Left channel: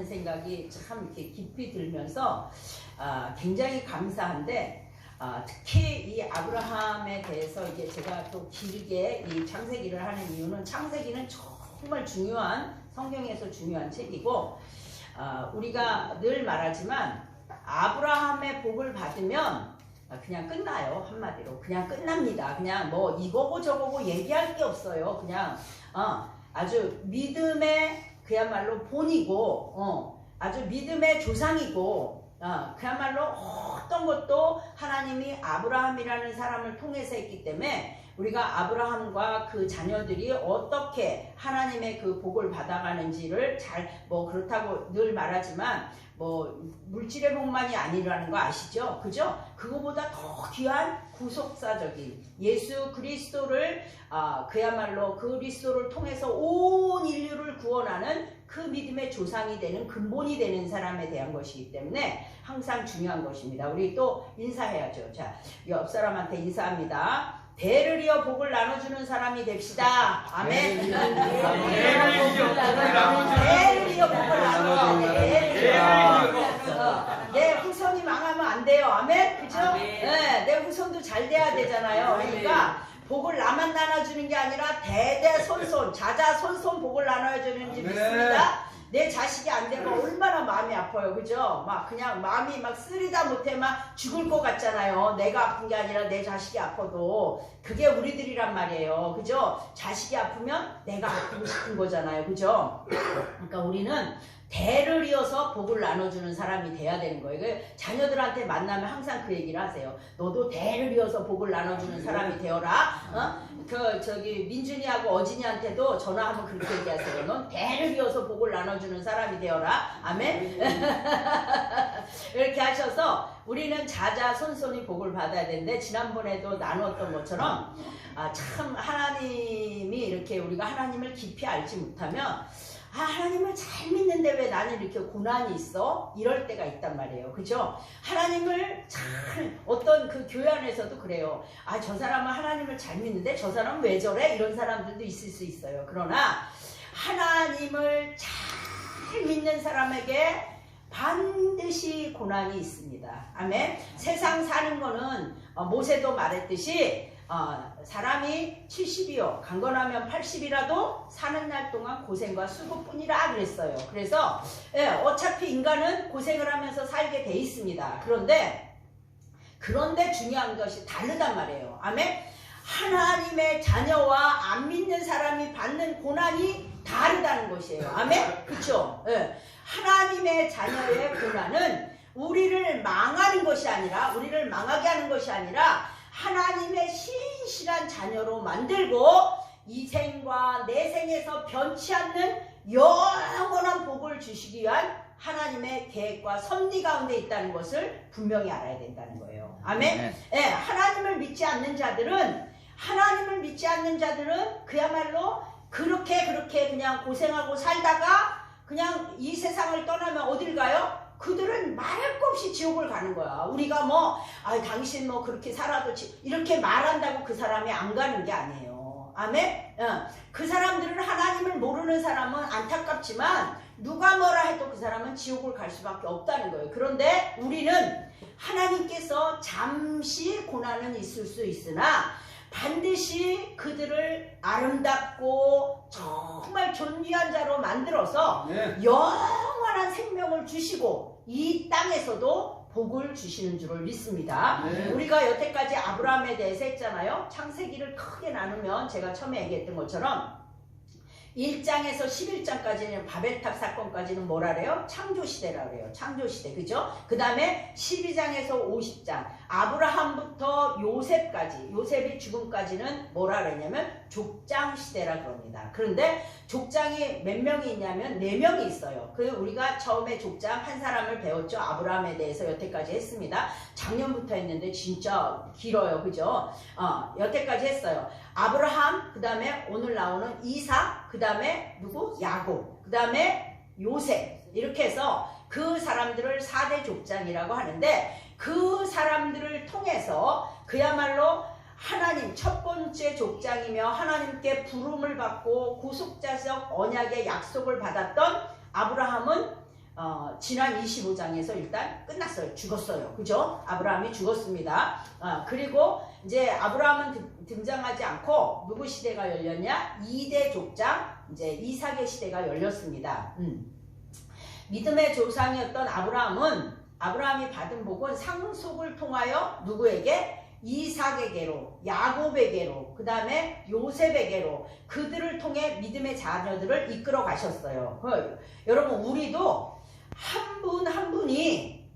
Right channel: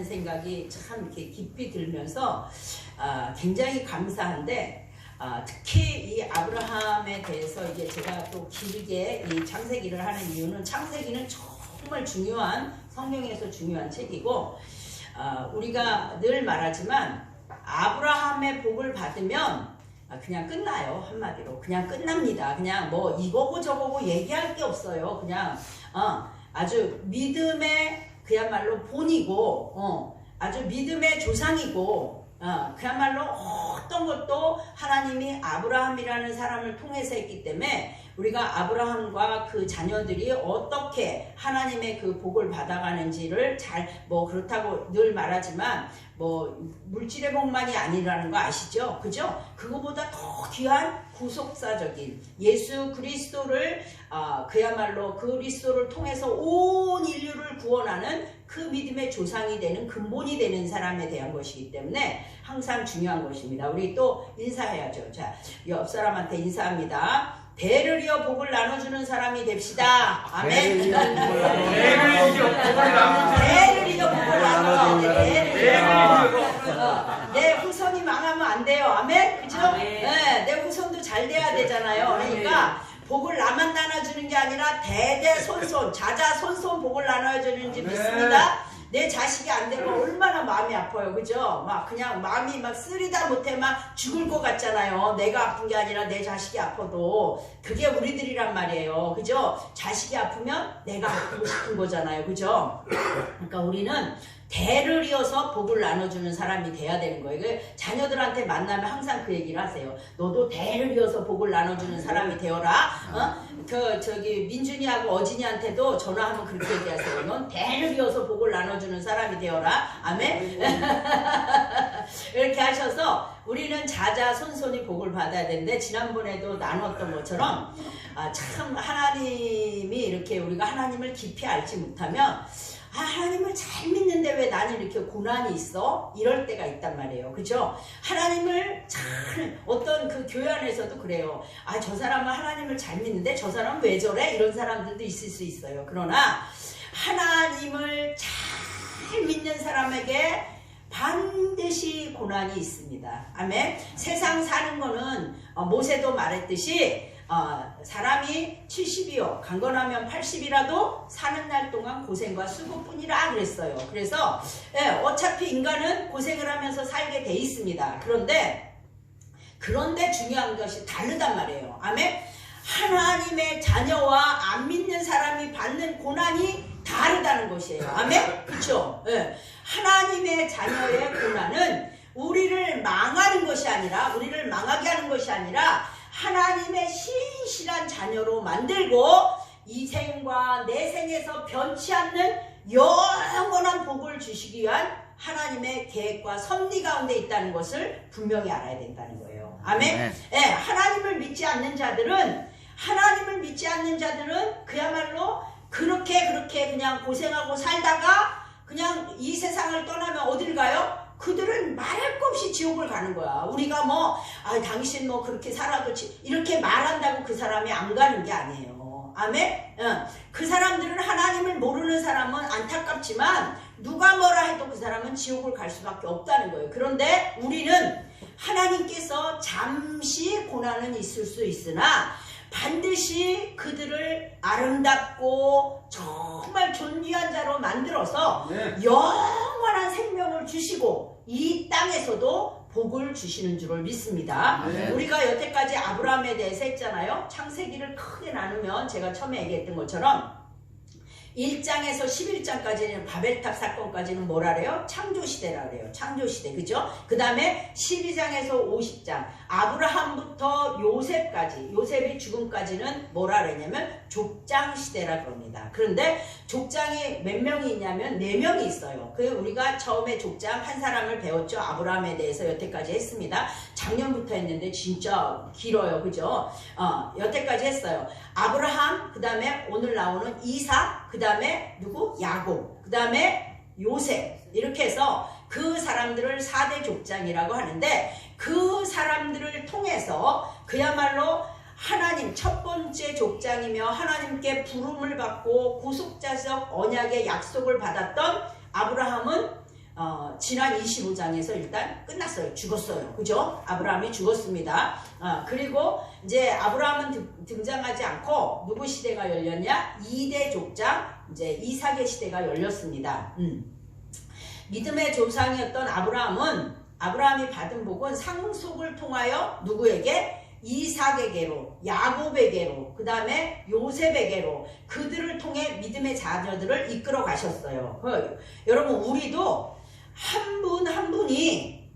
하는 생각이 참 이렇게 깊이 들면서 굉장히 감사한데, 특히 이 아브라함에 대해서 이게 제가 또 길게 이 창세기를 하는 이유는, 창세기는 정말 중요한, 성경에서 중요한 책이고, 우리가 늘 말하지만 아브라함의 복을 받으면 그냥 끝나요. 한마디로 그냥 끝납니다. 그냥 뭐 이거고 저거고 얘기할 게 없어요. 그냥 아주 믿음의 그야말로 본이고, 아주 믿음의 조상이고, 그야말로 어떤 것도 하나님이 아브라함이라는 사람을 통해서 했기 때문에 우리가 아브라함과 그 자녀들이 어떻게 하나님의 그 복을 받아가는지를 뭐 그렇다고 늘 말하지만 뭐 물질의 복만이 아니라는 거 아시죠? 그죠? 그거보다 더 귀한 구속사적인 예수 그리스도를 그야말로 그리스도를 통해서 온 인류를 구원하는 그 믿음의 조상이 되는, 근본이 되는 사람에 대한 것이기 때문에 항상 중요한 것입니다. 우리 또 인사해야죠. 자, 옆 사람한테 인사합니다. 대를 이어 복을 나눠주는 사람이 됩시다. 아멘. 대를 이어 복을 나눠. 내 후손이 망하면 안 돼요. 아멘. 그죠? 네, 내 후손도 잘 돼야 되잖아요. 그러니까 복을 나만 나눠주는 게 아니라 대대손손, 자자손손 복을 나눠주는지 믿습니다. 내 자식이 안 되면 얼마나 마음이 아파요. 그죠? 막 그냥 마음이 막 쓰리다 못해 막 죽을 것 같잖아요. 내가 아픈 게 아니라 내 자식이 아파도. 그게 우리들이란 말이에요. 그죠? 자식이 아프면 내가 아프고 싶은 거잖아요. 그죠? 그러니까 우리는 대를 이어서 복을 나눠주는 사람이 돼야 되는 거예요. 자녀들한테 만나면 항상 그 얘기를 하세요. 너도 대를 이어서 복을 나눠주는 사람이 되어라. 저기 민준이하고 어진이한테도 전화하면 그렇게 얘기하세요. 넌 대를 이어서 복을 나눠주는 사람이 되어라. 아멘. 이렇게 하셔서 우리는 자자손손이 복을 받아야 되는데, 지난번에도 나눴던 것처럼 참 하나님이 이렇게 우리가 하나님을 깊이 알지 못하면 하나님을 잘 믿는데 왜 나는 이렇게 고난이 있어? 이럴 때가 있단 말이에요. 그죠? 하나님을 잘, 어떤 그 교회 안에서도 그래요. 저 사람은 하나님을 잘 믿는데 저 사람은 왜 저래? 이런 사람들도 있을 수 있어요. 그러나 하나님을 잘 믿는 사람에게 반드시 고난이 있습니다. 아멘. 세상 사는 거는 모세도 말했듯이 사람이 70이요 강건하면 80이라도 사는 날 동안 고생과 수고뿐이라 그랬어요. 그래서 어차피 인간은 고생을 하면서 살게 돼 있습니다. 그런데 중요한 것이 다르단 말이에요. 아멘. 하나님의 자녀와 안 믿는 사람이 받는 고난이 다르다는 것이에요. 아멘. 그렇죠? 하나님의 자녀의 고난은 우리를 망하는 것이 아니라, 우리를 망하게 하는 것이 아니라 하나님의 신실한 자녀로 만들고 이 생과 내 생에서 변치 않는 영원한 복을 주시기 위한 하나님의 계획과 섭리 가운데 있다는 것을 분명히 알아야 된다는 거예요. 아멘. 하나님을 믿지 않는 자들은 그야말로 그렇게 그냥 고생하고 살다가 그냥 이 세상을 떠나면 어딜 가요? 그들은 말할 것 없이 지옥을 가는 거야. 우리가 당신 그렇게 살아도 이렇게 말한다고 그 사람이 안 가는 게 아니에요. 아멘? 그 사람들은, 하나님을 모르는 사람은 안타깝지만 누가 뭐라 해도 그 사람은 지옥을 갈 수밖에 없다는 거예요. 그런데 우리는 하나님께서 잠시 고난은 있을 수 있으나 반드시 그들을 아름답고 정말 존귀한 자로 만들어서 영원한 생명을 주시고 이 땅에서도 복을 주시는 줄을 믿습니다. 우리가 여태까지 아브라함에 대해서 했잖아요. 창세기를 크게 나누면 제가 처음에 얘기했던 것처럼 1장에서 11장까지는 바벨탑 사건까지는 뭐라 그래요? 창조시대라 그래요. 창조시대. 그죠? 그 다음에 12장에서 50장 아브라함부터 요셉까지, 요셉이 죽음까지는 뭐라 그랬냐면 족장시대라 그럽니다. 그런데 족장이 몇 명이 있냐면 4명이 있어요. 우리가 처음에 족장 한 사람을 배웠죠. 아브라함에 대해서 여태까지 했습니다. 작년부터 했는데 진짜 길어요. 그죠? 여태까지 했어요. 아브라함, 그 다음에 오늘 나오는 이삭, 그 다음에 누구? 야곱, 그 다음에 요셉. 이렇게 해서 그 사람들을 4대 족장이라고 하는데, 그 사람들을 통해서 그야말로 하나님 첫 번째 족장이며 하나님께 부름을 받고 구속자적 언약의 약속을 받았던 아브라함은 지난 25장에서 일단 끝났어요. 죽었어요. 그죠? 아브라함이 죽었습니다. 그리고 이제 아브라함은 등장하지 않고 누구 시대가 열렸냐? 2대 족장, 이제 이삭의 시대가 열렸습니다. 믿음의 조상이었던 아브라함이 받은 복은 상속을 통하여 누구에게? 이삭에게로, 야곱에게로, 그 다음에 요셉에게로 그들을 통해 믿음의 자녀들을 이끌어 가셨어요. 여러분 우리도 한 분 한 분이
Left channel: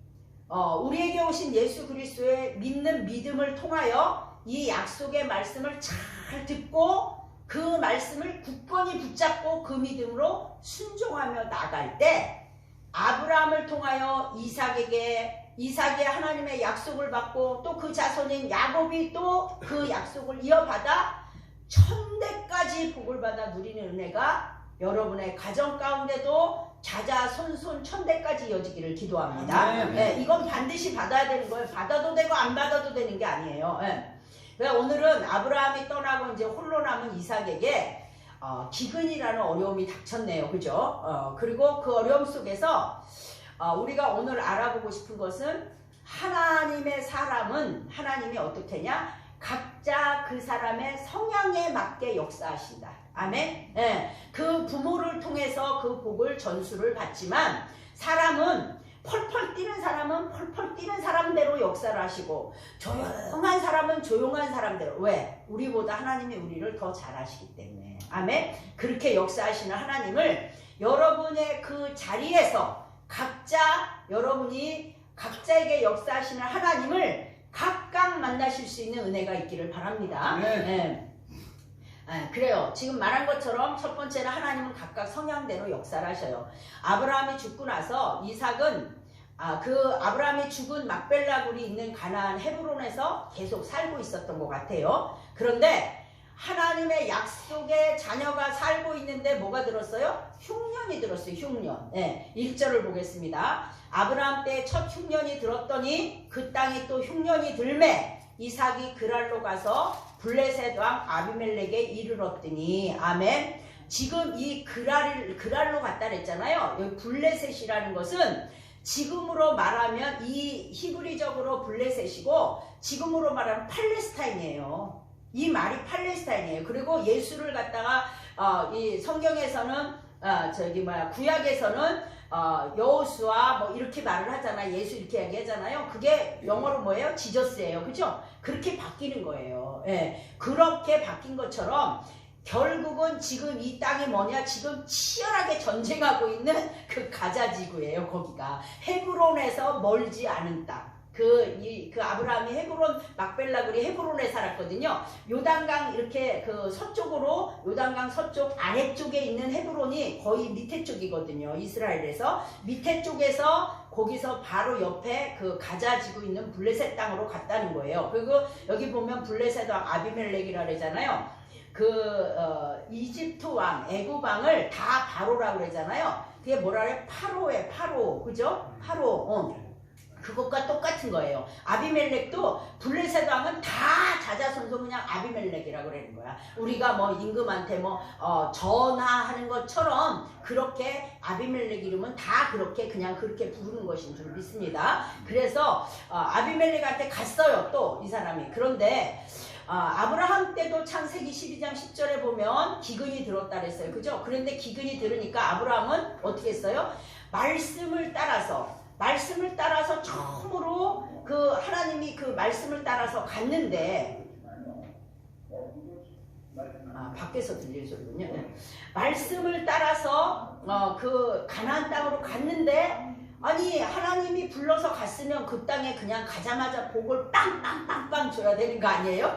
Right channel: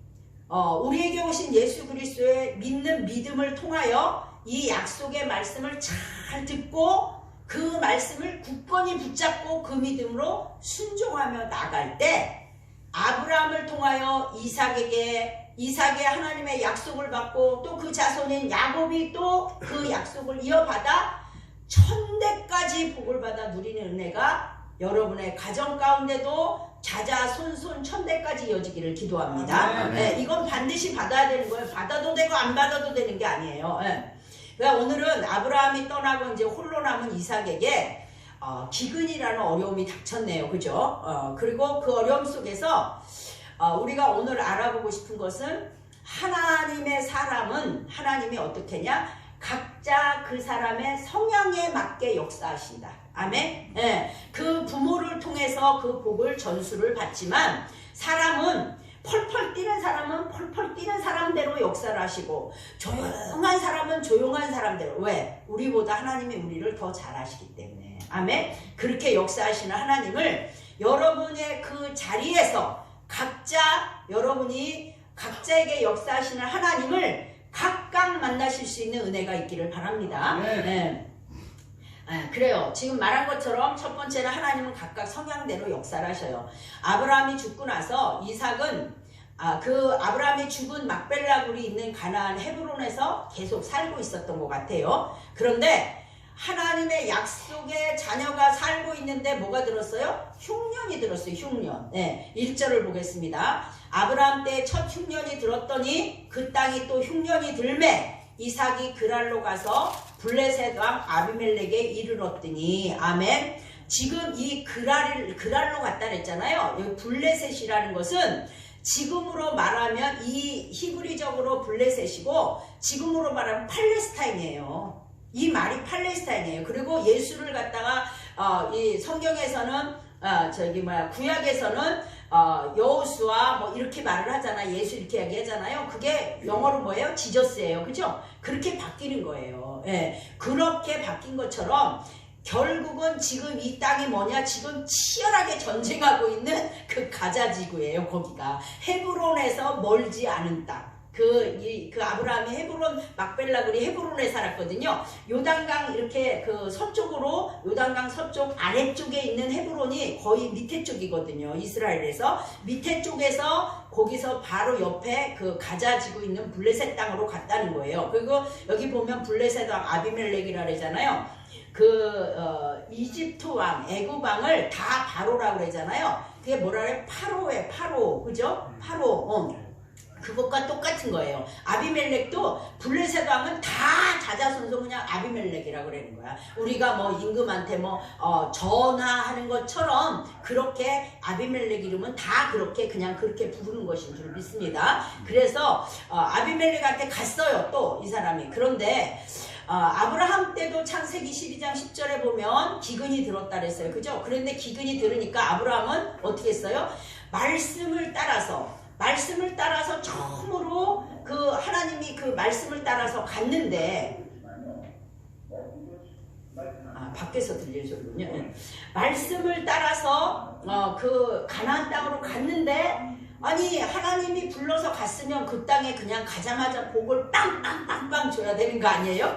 우리에게 오신 예수 그리스도의 믿는 믿음을 통하여 이 약속의 말씀을 잘 듣고 그 말씀을 굳건히 붙잡고 그 믿음으로 순종하며 나갈 때 아브라함을 통하여 이삭이 하나님의 약속을 받고 또 그 자손인 야곱이 또 그 약속을 이어받아 천대까지 복을 받아 누리는 은혜가 여러분의 가정 가운데도 자자손손 천대까지 이어지기를 기도합니다. 네, 이건 반드시 받아야 되는 거예요. 받아도 되고 안 받아도 되는 게 아니에요. 네. 그러니까 오늘은 아브라함이 떠나고 이제 홀로 남은 이삭에게 기근이라는 어려움이 닥쳤네요. 그죠? 그리고 그 어려움 속에서 우리가 오늘 알아보고 싶은 것은 하나님의 사람은 하나님이 어떻게 했냐? 각자 그 사람의 성향에 맞게 역사하신다. 아멘. 네. 그 부모를 통해서 그 복을 전수를 받지만 사람은 펄펄 뛰는 사람은 펄펄 뛰는 사람대로 역사를 하시고 조용한 사람은 조용한 사람대로. 왜? 우리보다 하나님이 우리를 더 잘 아시기 때문에. 아멘. 그렇게 역사하시는 하나님을 여러분의 그 자리에서 여러분이 각자에게 역사하시는 하나님을 각각 만나실 수 있는 은혜가 있기를 바랍니다. 네. 그래요. 지금 말한 것처럼 첫 번째는 하나님은 각각 성향대로 역사를 하셔요. 아브라함이 죽고 나서 이삭은 그 아브라함이 죽은 막벨라굴이 있는 가나안 헤브론에서 계속 살고 있었던 것 같아요. 그런데 하나님의 약속의 자녀가 살고 있는데 뭐가 들었어요? 흉년이 들었어요. 흉년. 네, 1절을 보겠습니다. 아브라함 때 첫 흉년이 들었더니 그 땅이 또 흉년이 들매 이삭이 그랄로 가서 블레셋 왕 아비멜렉에 이르렀더니. 아멘. 지금 이 그랄로 갔다 그랬잖아요. 여기 블레셋이라는 것은 지금으로 말하면 이 히브리적으로 블레셋이고 지금으로 말하면 팔레스타인이에요. 이 말이 팔레스타인이에요. 그리고 예수를 갖다가 이 성경에서는 구약에서는 여호수아 뭐 이렇게 말을 하잖아요. 예수 이렇게 얘기하잖아요. 그게 영어로 뭐예요? 지저스예요. 그죠? 그렇게 바뀌는 거예요. 예. 그렇게 바뀐 것처럼 결국은 지금 이 땅이 뭐냐? 지금 치열하게 전쟁하고 있는 그 가자 지구예요. 거기가 헤브론에서 멀지 않은 땅. 그 아브라함이 헤브론 막벨라굴이 헤브론에 살았거든요. 요단강 이렇게 그 서쪽으로 요단강 서쪽 아래쪽에 있는 헤브론이 거의 밑에 쪽이거든요. 이스라엘에서 밑에 쪽에서 거기서 바로 옆에 그 가자 지구 있는 블레셋 땅으로 갔다는 거예요. 그리고 여기 보면 블레셋 왕 아비멜렉이라 그러잖아요. 이집트 왕 애굽 왕을 다 바로라고 그러잖아요. 그게 뭐라 그래? 파로에 파로. 그죠? 파로. 그것과 똑같은 거예요. 아비멜렉도 블레셋 왕은 다 자자손손 그냥 아비멜렉이라고 그러는 거야. 우리가 뭐 임금한테 전하하는 것처럼 그렇게 아비멜렉 이름은 다 그렇게 그냥 그렇게 부르는 것인 줄 믿습니다. 그래서 아비멜렉한테 갔어요. 또 이 사람이. 그런데 아브라함 때도 창세기 12장 10절에 보면 기근이 들었다 그랬어요. 그죠? 그런데 기근이 들으니까 아브라함은 어떻게 했어요? 말씀을 따라서 처음으로 그 하나님이 그 말씀을 따라서 갔는데 밖에서 들릴 소리군요. 말씀을 따라서 그 가나안 땅으로 갔는데 아니 하나님이 불러서 갔으면 그 땅에 그냥 가자마자 복을 빵빵빵빵 줘야 되는 거 아니에요?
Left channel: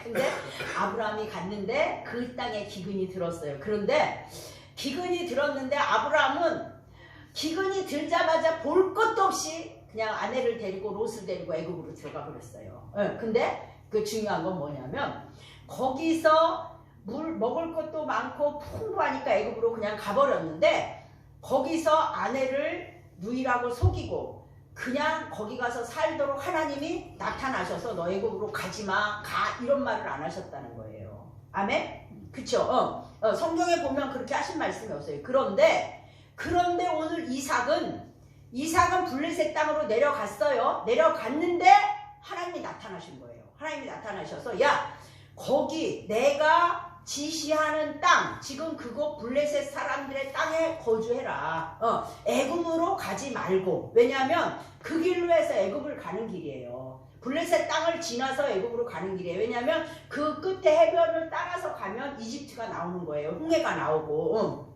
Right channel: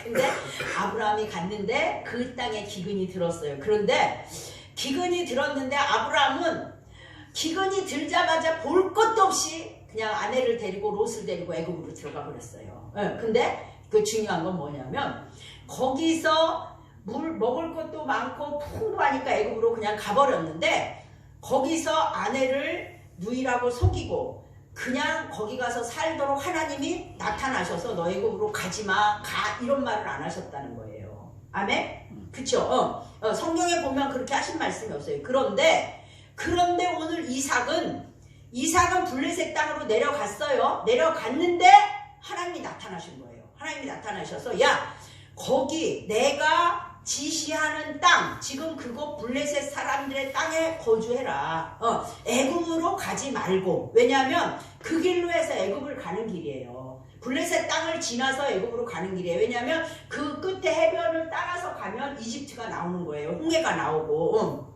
근데 아브라함이 갔는데 그 땅에 기근이 들었어요. 그런데 기근이 들었는데 아브라함은 기근이 들자마자 볼 것도 없이 그냥 아내를 데리고 롯을 데리고 애굽으로 들어가 버렸어요. 근데 그 중요한 건 뭐냐면 거기서 물 먹을 것도 많고 풍부하니까 애굽으로 그냥 가버렸는데 거기서 아내를 누이라고 속이고 그냥 거기 가서 살도록 하나님이 나타나셔서 너 애굽으로 가지마 가 이런 말을 안 하셨다는 거예요. 아멘? 그쵸? 성경에 보면 그렇게 하신 말씀이 없어요. 그런데 그런데 오늘 이삭은 블레셋 땅으로 내려갔어요. 내려갔는데 하나님이 나타나신 거예요. 하나님이 나타나셔서 야 거기 내가 지시하는 땅 지금 그곳 블레셋 사람들의 땅에 거주해라. 애굽으로 가지 말고 왜냐하면 그 길로 해서 애굽을 가는 길이에요. 블레셋 땅을 지나서 애굽으로 가는 길이에요. 왜냐하면 그 끝에 해변을 따라서 가면 이집트가 나오는 거예요. 홍해가 나오고.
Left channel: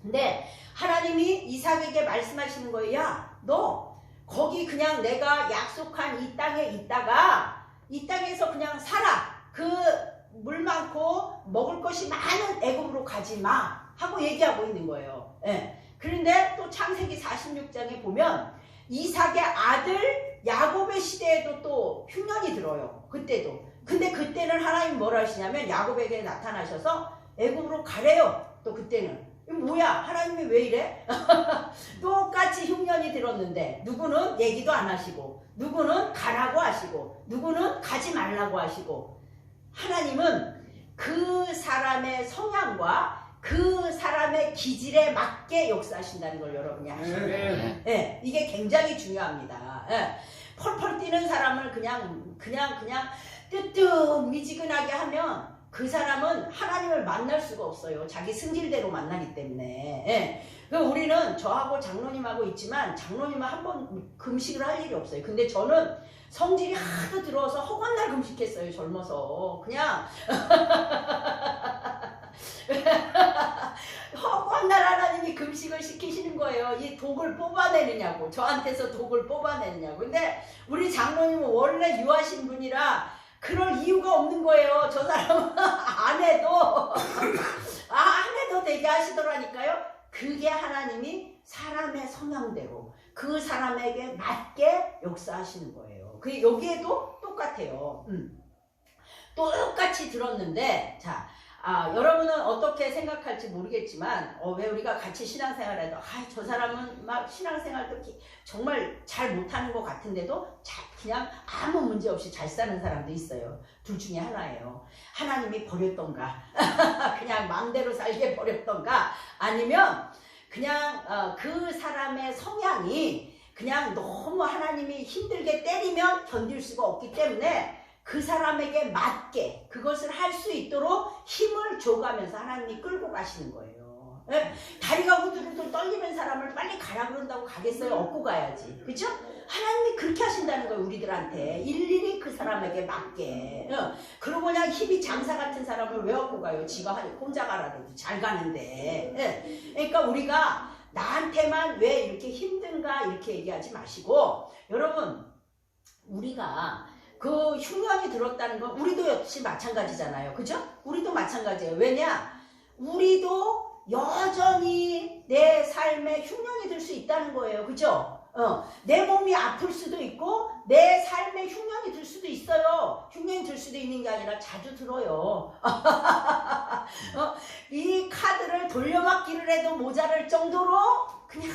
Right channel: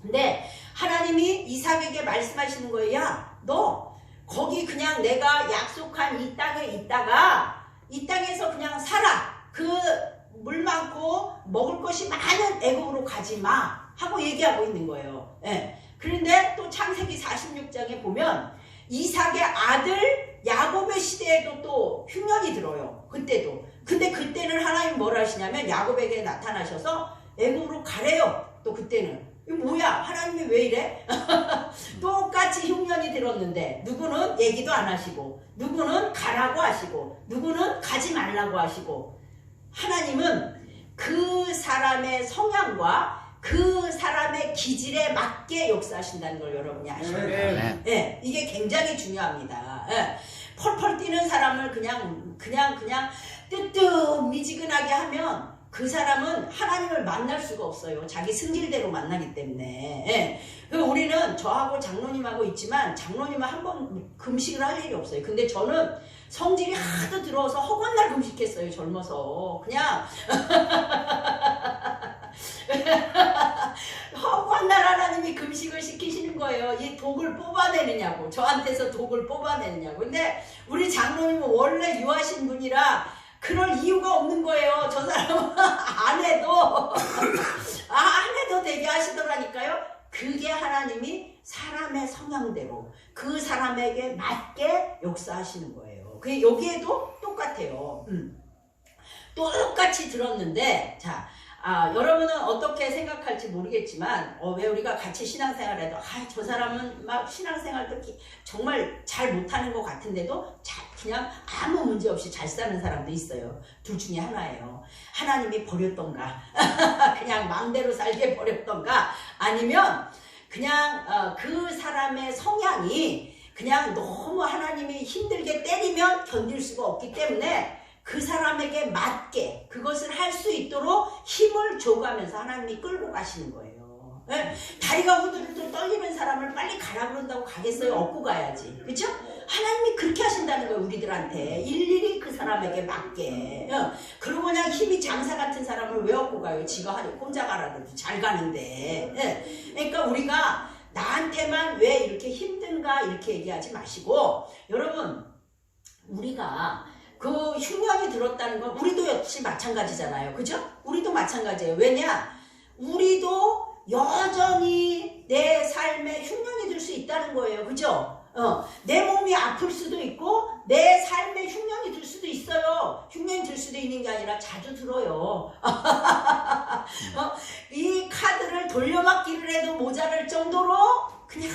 근데 하나님이 이삭에게 말씀하시는 거예요. 야, 너 거기 그냥 내가 약속한 이 땅에 있다가 이 땅에서 그냥 살아. 그 물 많고 먹을 것이 많은 애굽으로 가지 마 하고 얘기하고 있는 거예요. 예. 그런데 또 창세기 46장에 보면 이삭의 아들 야곱의 시대에도 또 흉년이 들어요. 그때도. 근데 그때는 하나님 뭘 하시냐면 야곱에게 나타나셔서 애굽으로 가래요. 또 그때는. 이거 뭐야? 하나님이 왜 이래? 똑같이 흉년이 들었는데 누구는 얘기도 안 하시고 누구는 가라고 하시고 누구는 가지 말라고 하시고 하나님은 그 사람의 성향과 그 사람의 기질에 맞게 역사하신다는 걸 여러분이 아셔야 돼요. 네, 이게 굉장히 중요합니다. 네, 펄펄 뛰는 사람을 그냥 뜨뜻미지근하게 하면 그 사람은 하나님을 만날 수가 없어요. 자기 승질대로 만나기 때문에. 예. 우리는 저하고 장로님하고 있지만 장로님은 한 번 금식을 할 일이 없어요. 근데 저는 성질이 하도 들어서 허건날 금식했어요. 젊어서. 그냥 허건날 하나님이 금식을 시키시는 거예요. 이 독을 뽑아내느냐고. 저한테서 독을 뽑아내느냐고. 근데 우리 장로님은 원래 유하신 분이라 그럴 이유가 없는 거예요. 저 사람은 안 해도 되게 하시더라니까요. 그게 하나님이 사람의 성향대로 그 사람에게 맞게 역사하시는 거예요. 그 여기에도 똑같아요. 똑같이 들었는데 자 여러분은 어떻게 생각할지 모르겠지만 왜 우리가 같이 신앙생활해도 저 사람은 막 신앙생활도 정말 잘 못하는 것 같은데도 그냥 아무 문제 없이 잘 사는 사람도 있어요. 둘 중에 하나예요. 하나님이 버렸던가 그냥 마음대로 살게 버렸던가 아니면 그냥 그 사람의 성향이 그냥 너무 하나님이 힘들게 때리면 견딜 수가 없기 때문에 그 사람에게 맞게 그것을 할 수 있도록 힘을 줘가면서 하나님이 끌고 가시는 거예요. 네? 다리가 후들후들 떨리는 사람을 빨리 가라 그런다고 가겠어요? 업고 가야지. 그죠? 하나님이 그렇게 하신다는 거예요. 우리들한테 일일이 그 사람에게 맞게. 그러고 그냥 힘이 장사 같은 사람을 왜 업고 가요? 지가 혼자 가라도 잘 가는데. 그러니까 우리가 나한테만 왜 이렇게 힘든가 이렇게 얘기하지 마시고 여러분 우리가 그 흉년이 들었다는 건 우리도 역시 마찬가지잖아요. 그죠? 우리도 마찬가지예요. 왜냐? 우리도 여전히 내 삶에 흉년이 들 수 있다는 거예요. 그죠? 내 몸이 아플 수도 있고 내 삶에 흉년이 들 수도 있어요. 흉년이 들 수도 있는 게 아니라 자주 들어요. 이 카드를 돌려막기를 해도 모자랄 정도로 그냥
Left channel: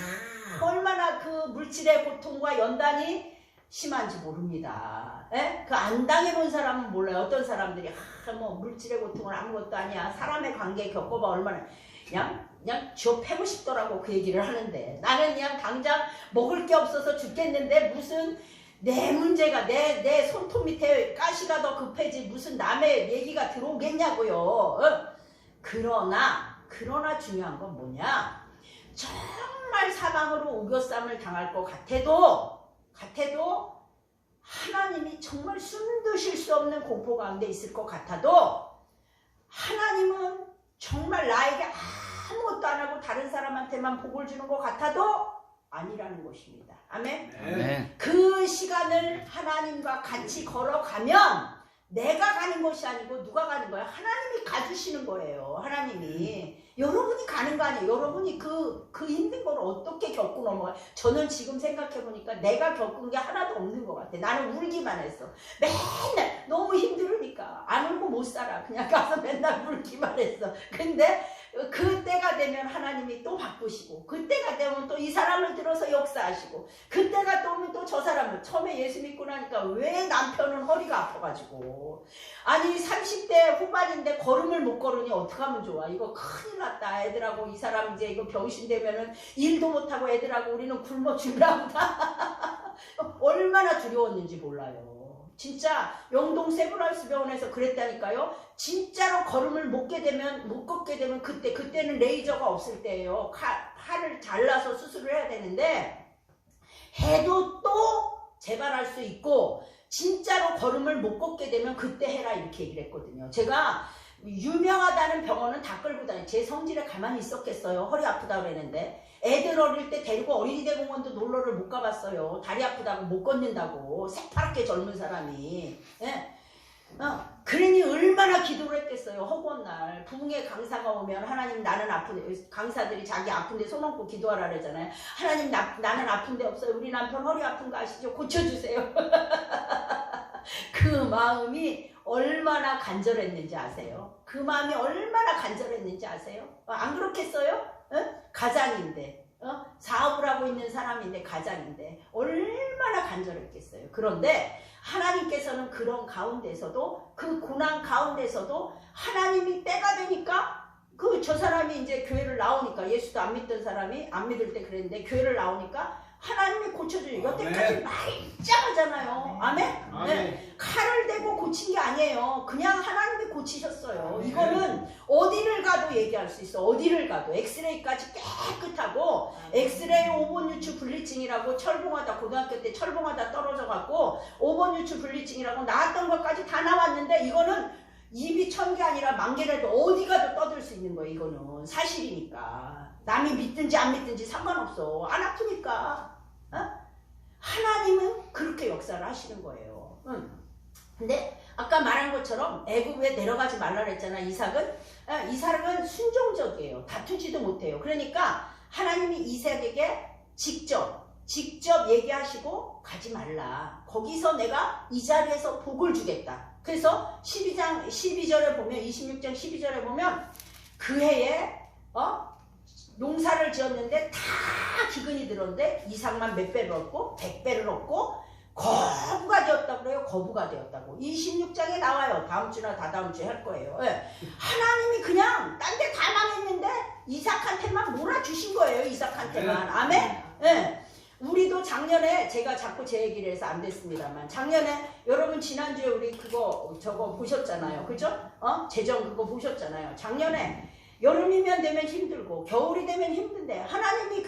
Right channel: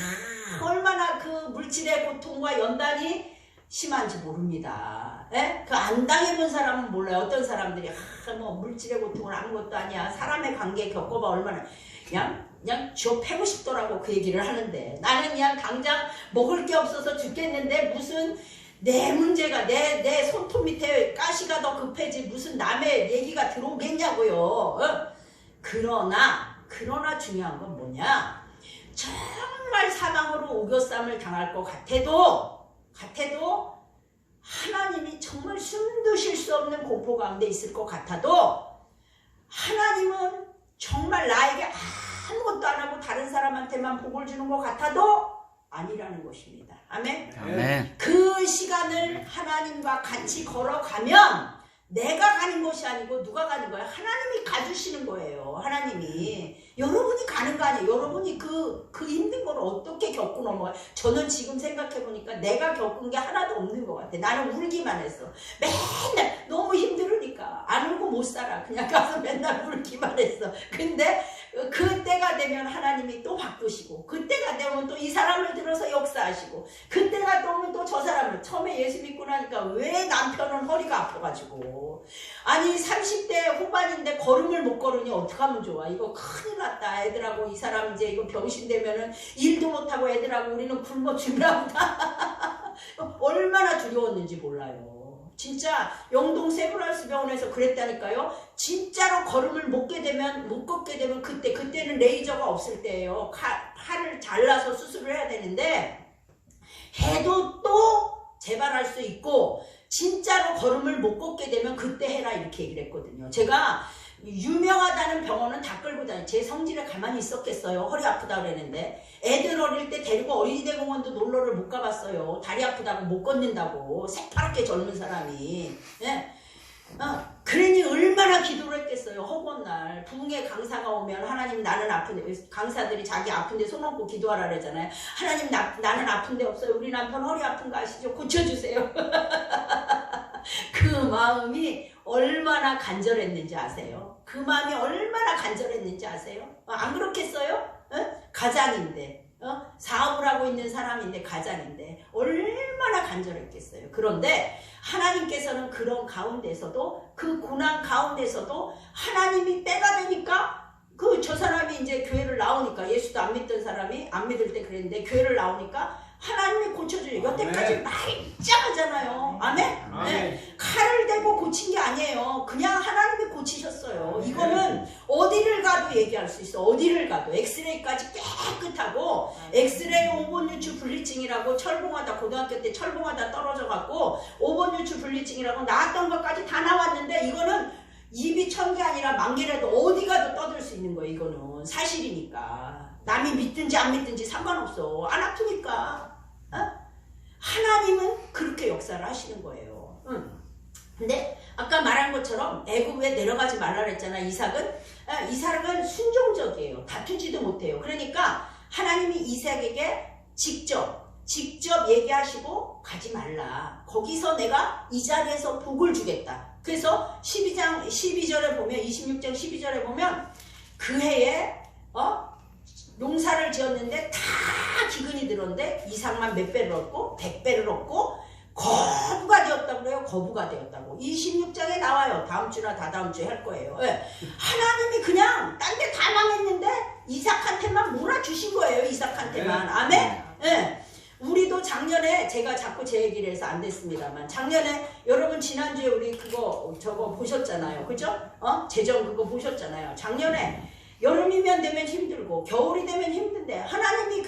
얼마나 그 물질의 고통과 연단이 심한지 모릅니다. 예? 그 안 당해본 사람은 몰라요. 어떤 사람들이 뭐 물질의 고통은 아무것도 아니야. 사람의 관계 겪어봐 얼마나 그냥 쥐어 패고 싶더라고 그 얘기를 하는데 나는 그냥 당장 먹을 게 없어서 죽겠는데 무슨 내 문제가 내 손톱 밑에 가시가 더 급해지 무슨 남의 얘기가 들어오겠냐고요. 그러나 중요한 건 뭐냐? 정말 사방으로 우겨쌈을 당할 것 같아도 하나님이 정말 숨도 쉴 수 없는 공포 가운데 있을 것 같아도 하나님은 정말 나에게 아무것도 안 하고 다른 사람한테만 복을 주는 것 같아도 아니라는 것입니다. 아멘? 아멘. 그 시간을 하나님과 같이 걸어가면 내가 가는 것이 아니고 누가 가는 거예요? 하나님이 가주시는 거예요. 하나님이. 여러분이 가는 거 아니에요. 여러분이 그 힘든 걸 어떻게 겪고 넘어가요? 저는 지금 생각해보니까 내가 겪은 게 하나도 없는 것 같아. 나는 울기만 했어. 맨날 너무 힘들으니까 안 울고 못 살아. 그냥 가서 맨날 울기만 했어. 근데 그때가 되면 하나님이 또 바꾸시고 그때가 되면 또 이 사람을 들어 만들어서 역사하시고 그때가 또 오면 또 저 사람을 처음에 예수 믿고 나니까 왜 남편은 허리가 아파가지고 아니 30대 후반인데 걸음을 못 걸으니 어떡하면 좋아. 이거 큰일 났다. 애들하고 이 사람 이제 이거 병신되면은 일도 못하고 애들하고 우리는 굶어 죽는다. 얼마나 두려웠는지 몰라요. 진짜 영동 세브란스 병원에서 그랬다니까요. 진짜로 걸음을 못 걷게 되면 그때는 레이저가 없을 때예요. 팔을 잘라서 수술을 해야 되는데 해도 또 재발할 수 있고 진짜로 걸음을 못 걷게 되면 그때 해라 이렇게 얘기를 했거든요. 제가 유명하다는 병원은 다 끌고 다녀요. 제 성질에 가만히 있었겠어요. 허리 아프다 그랬는데 애들 어릴 때 데리고 어린이대 공원도 놀러를 못 가봤어요. 다리 아프다고 못 걷는다고 새파랗게 젊은 사람이. 예? 그러니 얼마나 기도를 했겠어요. 허구한 날 부흥회 강사가 오면 하나님 나는 아픈데 강사들이 자기 아픈데 손 얹고 기도하라 그러잖아요. 하나님 나는 아픈데 없어요. 우리 남편 허리 아픈 거 아시죠? 고쳐주세요. 그 마음이 얼마나 간절했는지 아세요? 그 마음이 얼마나 간절했는지 아세요? 안 그렇겠어요? 가장인데 사업을 하고 있는 사람인데 가장인데 얼마나 간절했겠어요. 그런데 하나님께서는 그런 가운데서도 그 고난 가운데서도 하나님이 때가 되니까 저 사람이 이제 교회를 나오니까 예수도 안 믿던 사람이 안 믿을 때 그랬는데 교회를 나오니까 하나님이 고쳐줘요. 여태까지 말짱하잖아요. 아멘? 네. 칼을 대고 고친 게 아니에요. 그냥 하나님이 고치셨어요. 이거는 어디를 가도 얘기할 수 있어. 어디를 가도. 엑스레이까지 깨끗하고 엑스레이 5번 유추 분리증이라고 철봉하다 고등학교 때 철봉하다 떨어져갖고 5번 유추 분리증이라고 나왔던 것까지 다 나왔는데 이거는 입이 1000개 아니라 10,000개라도 어디 가도 떠들 수 있는 거예요. 이거는 사실이니까. 남이 믿든지 안 믿든지 상관없어. 안 아프니까. 하나님은 그렇게 역사를 하시는 거예요. 근데 아까 말한 것처럼 애굽에 내려가지 말라 그랬잖아. 이삭은 순종적이에요. 다투지도 못해요. 그러니까 하나님이 이삭에게 직접 얘기하시고 가지 말라. 거기서 내가 이 자리에서 복을 주겠다. 그래서 12절에 보면 26장 12절에 보면 그 해에 농사를 지었는데 다 기근이 들었는데 이삭만 몇 배를 얻고 100배를 얻고 거부가 되었다고 그래요. 거부가 되었다고 26장에 나와요. 다음 주나 다다음 주에 할 거예요. 네. 하나님이 그냥 딴 데 다 망했는데 이삭한테만 몰아주신 거예요. 이삭한테만. 아멘. 네. 우리도 작년에 제가 자꾸 제 얘기를 해서 안 됐습니다만 작년에 여러분 지난주에 우리 저거 보셨잖아요. 그죠? 재정 그거 보셨잖아요. 작년에 여름이면 되면 힘들고 겨울이 되면 힘든데 하나님이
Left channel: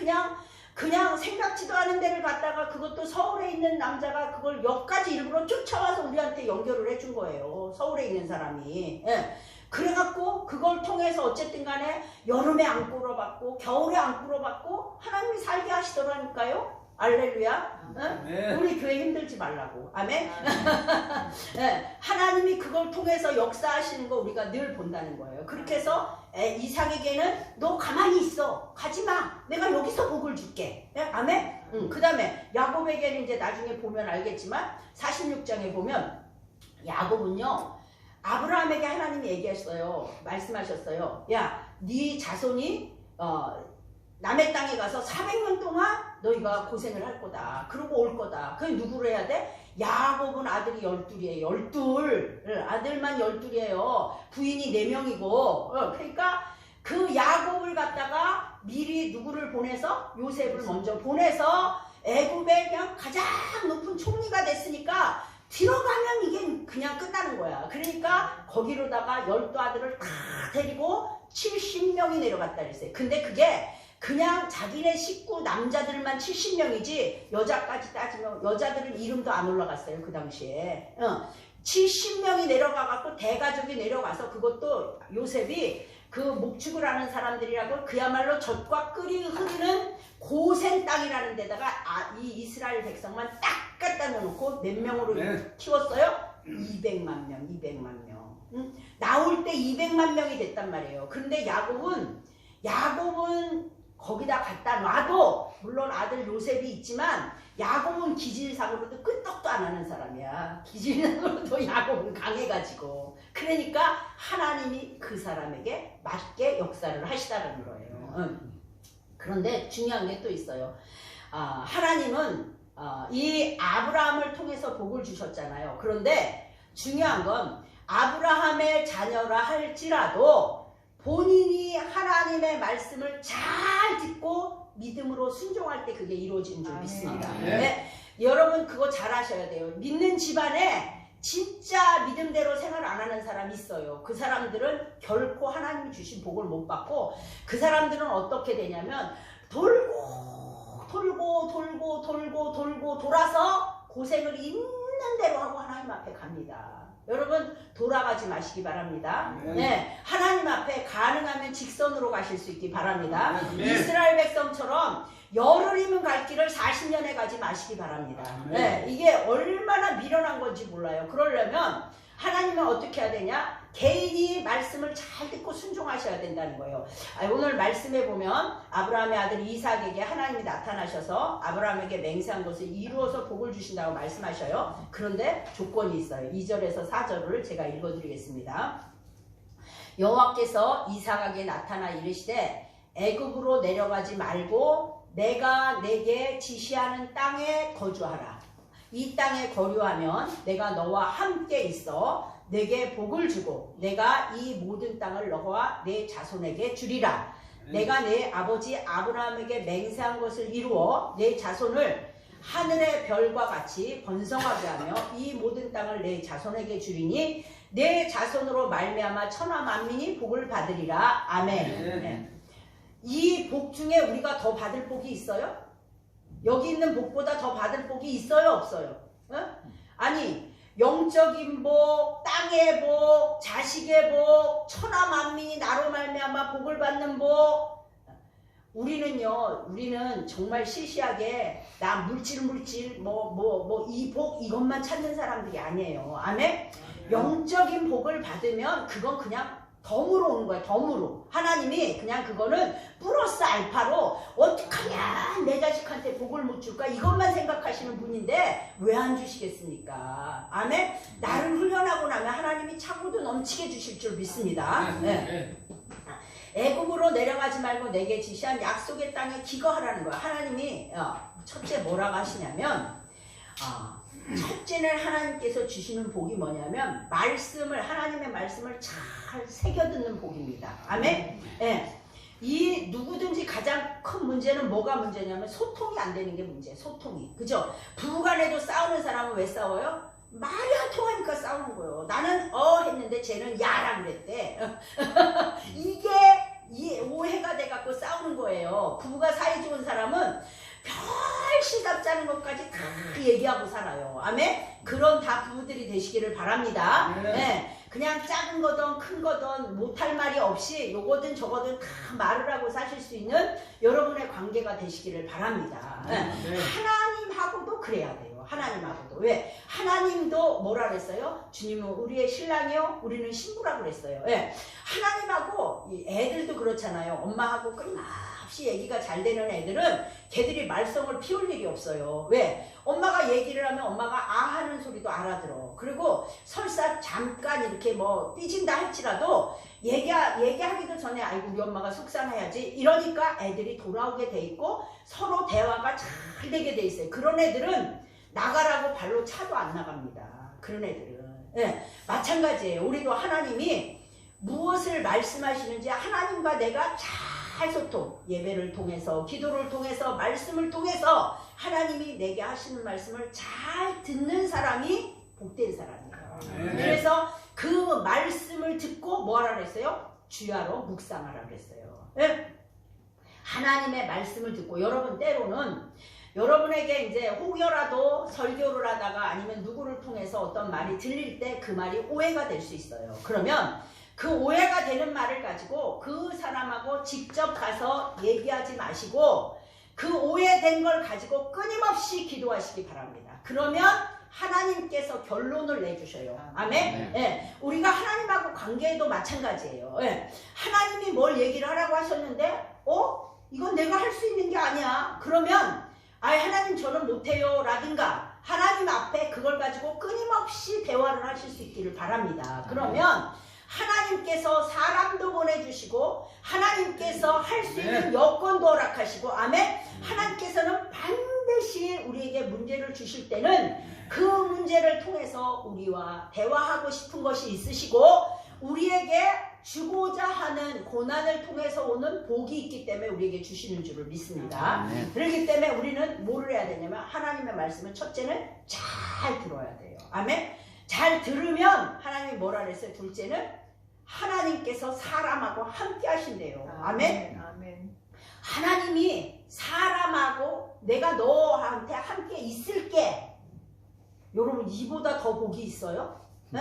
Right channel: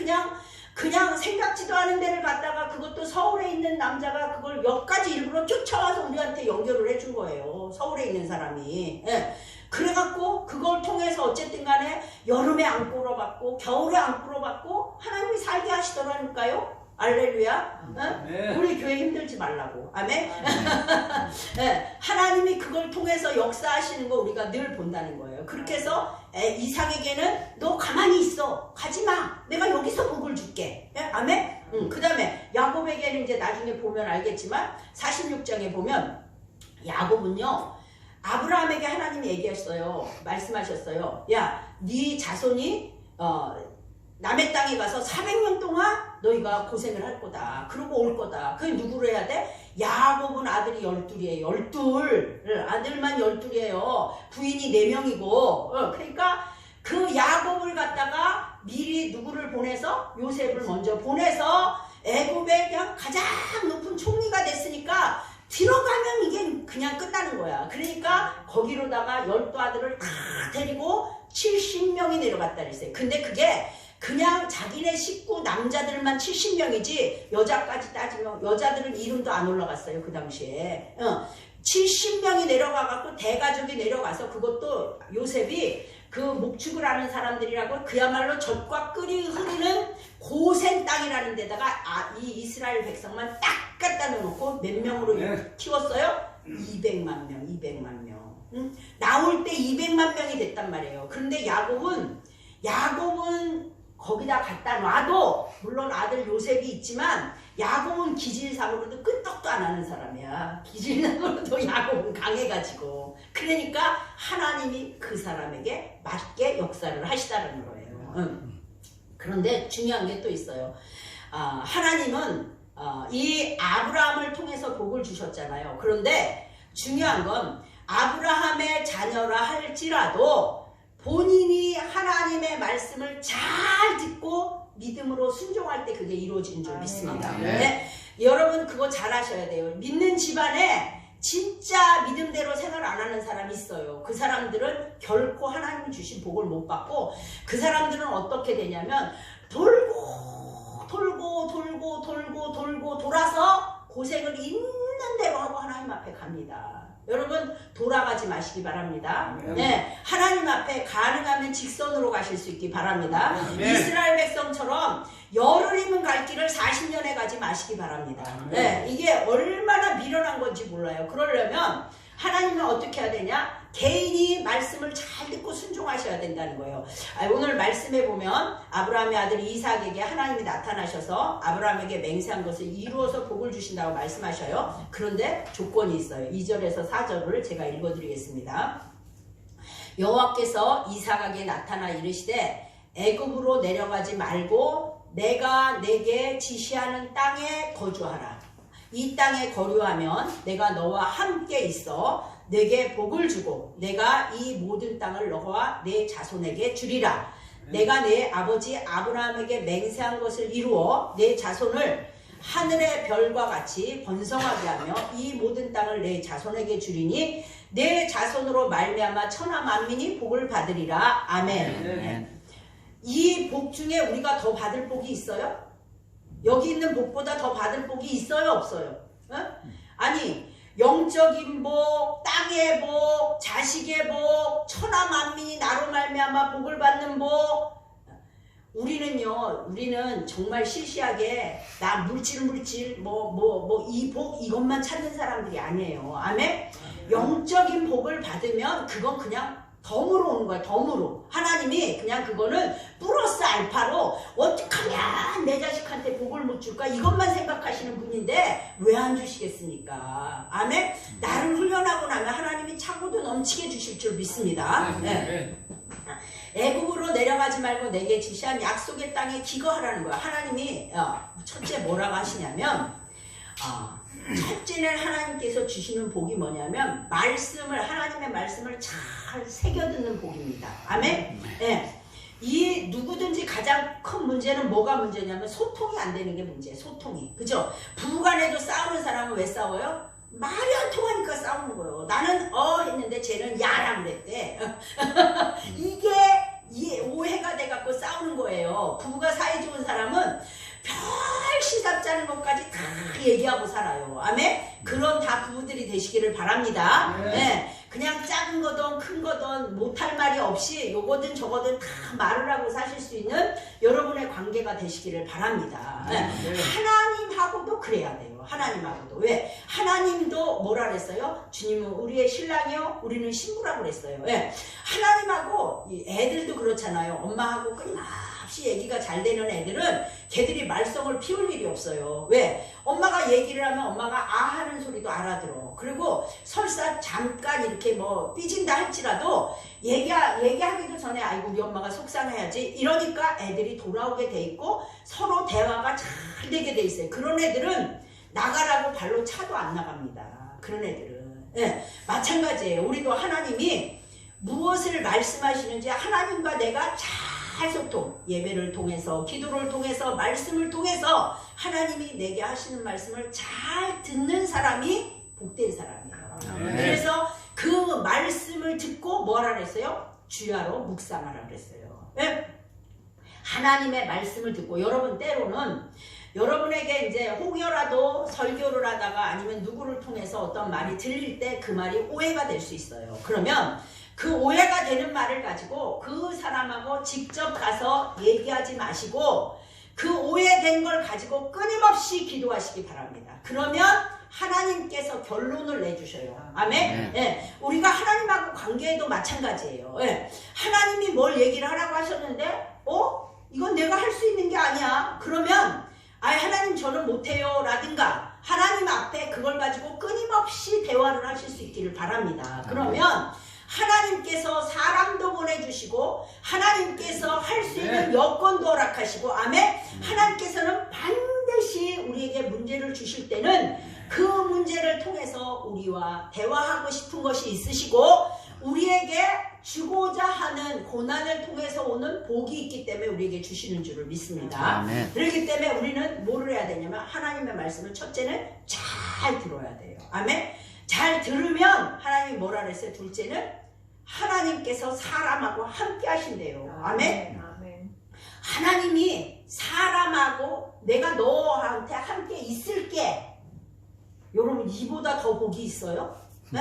그냥 생각지도 않은 데를 갔다가 그것도 서울에 있는 남자가 그걸 역까지 일부러 쫓아와서 우리한테 연결을 해준 거예요. 서울에 있는 사람이. 예. 그래갖고 그걸 통해서 어쨌든 간에 여름에 안 꿇어봤고 겨울에 안 꿇어봤고 하나님이 살게 하시더라니까요. 알렐루야. 네. 우리 교회 힘들지 말라고. 아멘. 네. 하나님이 그걸 통해서 역사하시는 거 우리가 늘 본다는 거예요. 그렇게 해서 이삭에게는 너 가만히 있어. 가지마. 내가 여기서 복을 줄게. 네? 아멘. 그 다음에 야곱에게는 이제 나중에 보면 알겠지만 46장에 보면 야곱은요 아브라함에게 하나님이 얘기했어요. 말씀하셨어요. 야, 네 자손이 남의 땅에 가서 400년 동안 너희가 고생을 할 거다. 그러고 올 거다. 그게 누구로 해야 돼? 야곱은 아들이 12이에요. 12. 아들만 12이에요. 부인이 4명이고. 그러니까 그 야곱을 갖다가 미리 누구를 보내서 요셉을 먼저 보내서 애굽의 그냥 가장 높은 총리가 됐으니까 들어가면 이게 그냥 끝나는 거야. 그러니까 거기로다가 12아들을 다 데리고 70명이 내려갔다 그랬어요. 근데 그게 그냥 자기네 식구 남자들만 70명이지 여자까지 따지면 여자들은 이름도 안 올라갔어요. 그 당시에 70명이 내려가갖고 대가족이 내려가서 그것도 요셉이 그 목축을 하는 사람들이라고 그야말로 젖과 꿀이 흐르는 고센 땅이라는 데다가 이 이스라엘 백성만 딱 갖다 놓고 몇 명으로 키웠어요? 200만 명. 나올 때 200만 명이 됐단 말이에요. 그런데 야곱은 거기다 갖다 놔도 물론 아들 요셉이 있지만 야곱은 기질상으로도 끄떡도 안 하는 사람이야. 기질상으로도 야곱은 강해가지고 그러니까 하나님이 그 사람에게 맞게 역사를 하시다는 거예요. 그런데 중요한 게 또 있어요. 하나님은 이 아브라함을 통해서 복을 주셨잖아요. 그런데 중요한 건 아브라함의 자녀라 할지라도 본인이 하나님의 말씀을 잘 듣고 믿음으로 순종할 때 그게 이루어지는 줄 믿습니다. 네. 여러분 그거 잘 하셔야 돼요. 믿는 집안에 진짜 믿음대로 생활 안 하는 사람이 있어요. 그 사람들은 결코 하나님이 주신 복을 못 받고 그 사람들은 어떻게 되냐면 돌고 돌아서 고생을 있는 대로 하고 하나님 앞에 갑니다. 여러분 돌아가지 마시기 바랍니다. 네, 하나님 앞에 가능하면 직선으로 가실 수 있기 바랍니다. 이스라엘 백성처럼 열흘이면 갈 길을 40년에 가지 마시기 바랍니다. 네, 이게 얼마나 미련한 건지 몰라요. 그러려면 하나님은 어떻게 해야 되냐? 개인이 말씀을 잘 듣고 순종하셔야 된다는 거예요. 오늘 말씀에 보면 아브라함의 아들 이삭에게 하나님이 나타나셔서 아브라함에게 맹세한 것을 이루어서 복을 주신다고 말씀하셔요. 그런데 조건이 있어요. 2절에서 4절을 제가 읽어드리겠습니다. 여호와께서 이삭에게 나타나 이르시되 애굽으로 내려가지 말고 내가 내게 지시하는 땅에 거주하라. 이 땅에 거류하면 내가 너와 함께 있어 내게 복을 주고 내가 이 모든 땅을 너와 내 자손에게 주리라. 내가 내 아버지 아브라함에게 맹세한 것을 이루어 내 자손을 하늘의 별과 같이 번성하게 하며 이 모든 땅을 내 자손에게 주리니 내 자손으로 말미암아 천하 만민이 복을 받으리라. 아멘. 이 복 중에 우리가 더 받을 복이 있어요? 여기 있는 복보다 더 받을 복이 있어요? 없어요? 아니 영적인 복, 땅의 복, 자식의 복, 천하 만민이 나로 말미암아 복을 받는 복. 우리는 정말 시시하게 나 물질 이 복 이것만 찾는 사람들이 아니에요. 아멘? 영적인 복을 받으면 그건 그냥 덤으로 오는 거야. 덤으로. 하나님이 그냥 그거는 플러스 알파로 어떡하냐 내 자식한테 복을 못 줄까 이것만 생각하시는 분인데 왜 안 주시겠습니까? 아멘? 나를 훈련하고 나면 하나님이 차고도 넘치게 주실 줄 믿습니다. 네. 애굽으로 내려가지 말고 내게 지시한 약속의 땅에 기거하라는 거야. 하나님이 첫째 뭐라고 하시냐면 첫째는 하나님께서 주시는 복이 뭐냐면 하나님의 말씀을 잘 새겨듣는 복입니다. 아멘? 네. 이 누구든지 가장 큰 문제는 뭐가 문제냐면 소통이 안 되는 게 문제예요. 소통이. 그죠? 부부간에도 싸우는 사람은 왜 싸워요? 말이 안 통하니까 싸우는 거예요. 나는 했는데 쟤는 야라 그랬대. 이게 오해가 돼갖고 싸우는 거예요. 부부가 사이 좋은 사람은 별 시답지 않은 것까지 다 얘기하고 살아요. 아멘? 그런 다 부부들이 되시기를 바랍니다. 네. 그냥 작은 거든 큰 거든 못할 말이 없이 요거든 저거든 다 말을 하고 사실 수 있는 여러분의 관계가 되시기를 바랍니다. 네. 하나님하고도 그래야 돼요. 하나님하고도. 왜? 하나님도 뭐라 그랬어요? 주님은 우리의 신랑이요 우리는 신부라고 그랬어요. 왜? 하나님하고 애들도 그렇잖아요. 엄마하고 끊임없이 얘기가 잘 되는 애들은 걔들이 말썽을 피울 일이 없어요. 왜? 엄마가 얘기를 하면 엄마가 하는 소리도 알아들어. 그리고 설사 잠깐 이렇게 삐진다 할지라도 얘기하기도 전에 아이고 우리 엄마가 속상해야지 이러니까 애들이 돌아오게 돼 있고 서로 대화가 잘 되게 돼 있어요. 그런 애들은 나가라고 발로 차도 안 나갑니다. 그런 애들은. 네, 마찬가지예요. 우리도 하나님이 무엇을 말씀하시는지 하나님과 내가 잘 소통, 예배를 통해서 기도를 통해서 말씀을 통해서 하나님이 내게 하시는 말씀을 잘 듣는 사람이 복된 사람이에요. 그래서 그 말씀을 듣고 뭐하라 그랬어요? 주야로 묵상하라 그랬어요. 네? 하나님의 말씀을 듣고 여러분 때로는 여러분에게 이제 혹여라도 설교를 하다가 아니면 누구를 통해서 어떤 말이 들릴 때 그 말이 오해가 될 수 있어요. 그러면 그 오해가 되는 말을 가지고 그 사람하고 직접 가서 얘기하지 마시고 그 오해된 걸 가지고 끊임없이 기도하시기 바랍니다. 그러면 하나님께서 결론을 내주셔요. 아멘? 네. 우리가 하나님하고 관계에도 마찬가지예요. 네. 하나님이 뭘 얘기를 하라고 하셨는데 이건 내가 할 수 있는 게 아니야. 그러면 하나님 저는 못해요 라든가 하나님 앞에 그걸 가지고 끊임없이 대화를 하실 수 있기를 바랍니다. 그러면 하나님께서 사람도 보내주시고 하나님께서 할 수 있는 여건도 허락하시고 아멘? 하나님께서는 반드시 때는 그 문제를 통해서 우리와 대화하고 싶은 것이 있으시고 우리에게 주고자 하는 고난을 통해서 오는 복이 있기 때문에 우리에게 주시는 줄을 믿습니다. 아멘. 그렇기 때문에 우리는 뭐를 해야 되냐면 하나님의 말씀을 첫째는 잘 들어야 돼요. 아멘. 잘 들으면 하나님이 뭐라 그랬어요? 둘째는 하나님께서 사람하고 함께 하신대요. 아멘. 하나님이 사람하고 내가 너한테 함께 있을게. 여러분 이보다 더 복이 있어요? 네?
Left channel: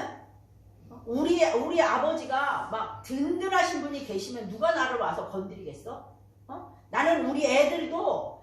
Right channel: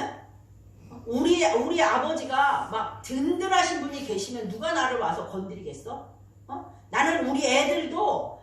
우리 아버지가 막 든든하신 분이 계시면 누가 나를 와서 건드리겠어? 나는 우리 애들도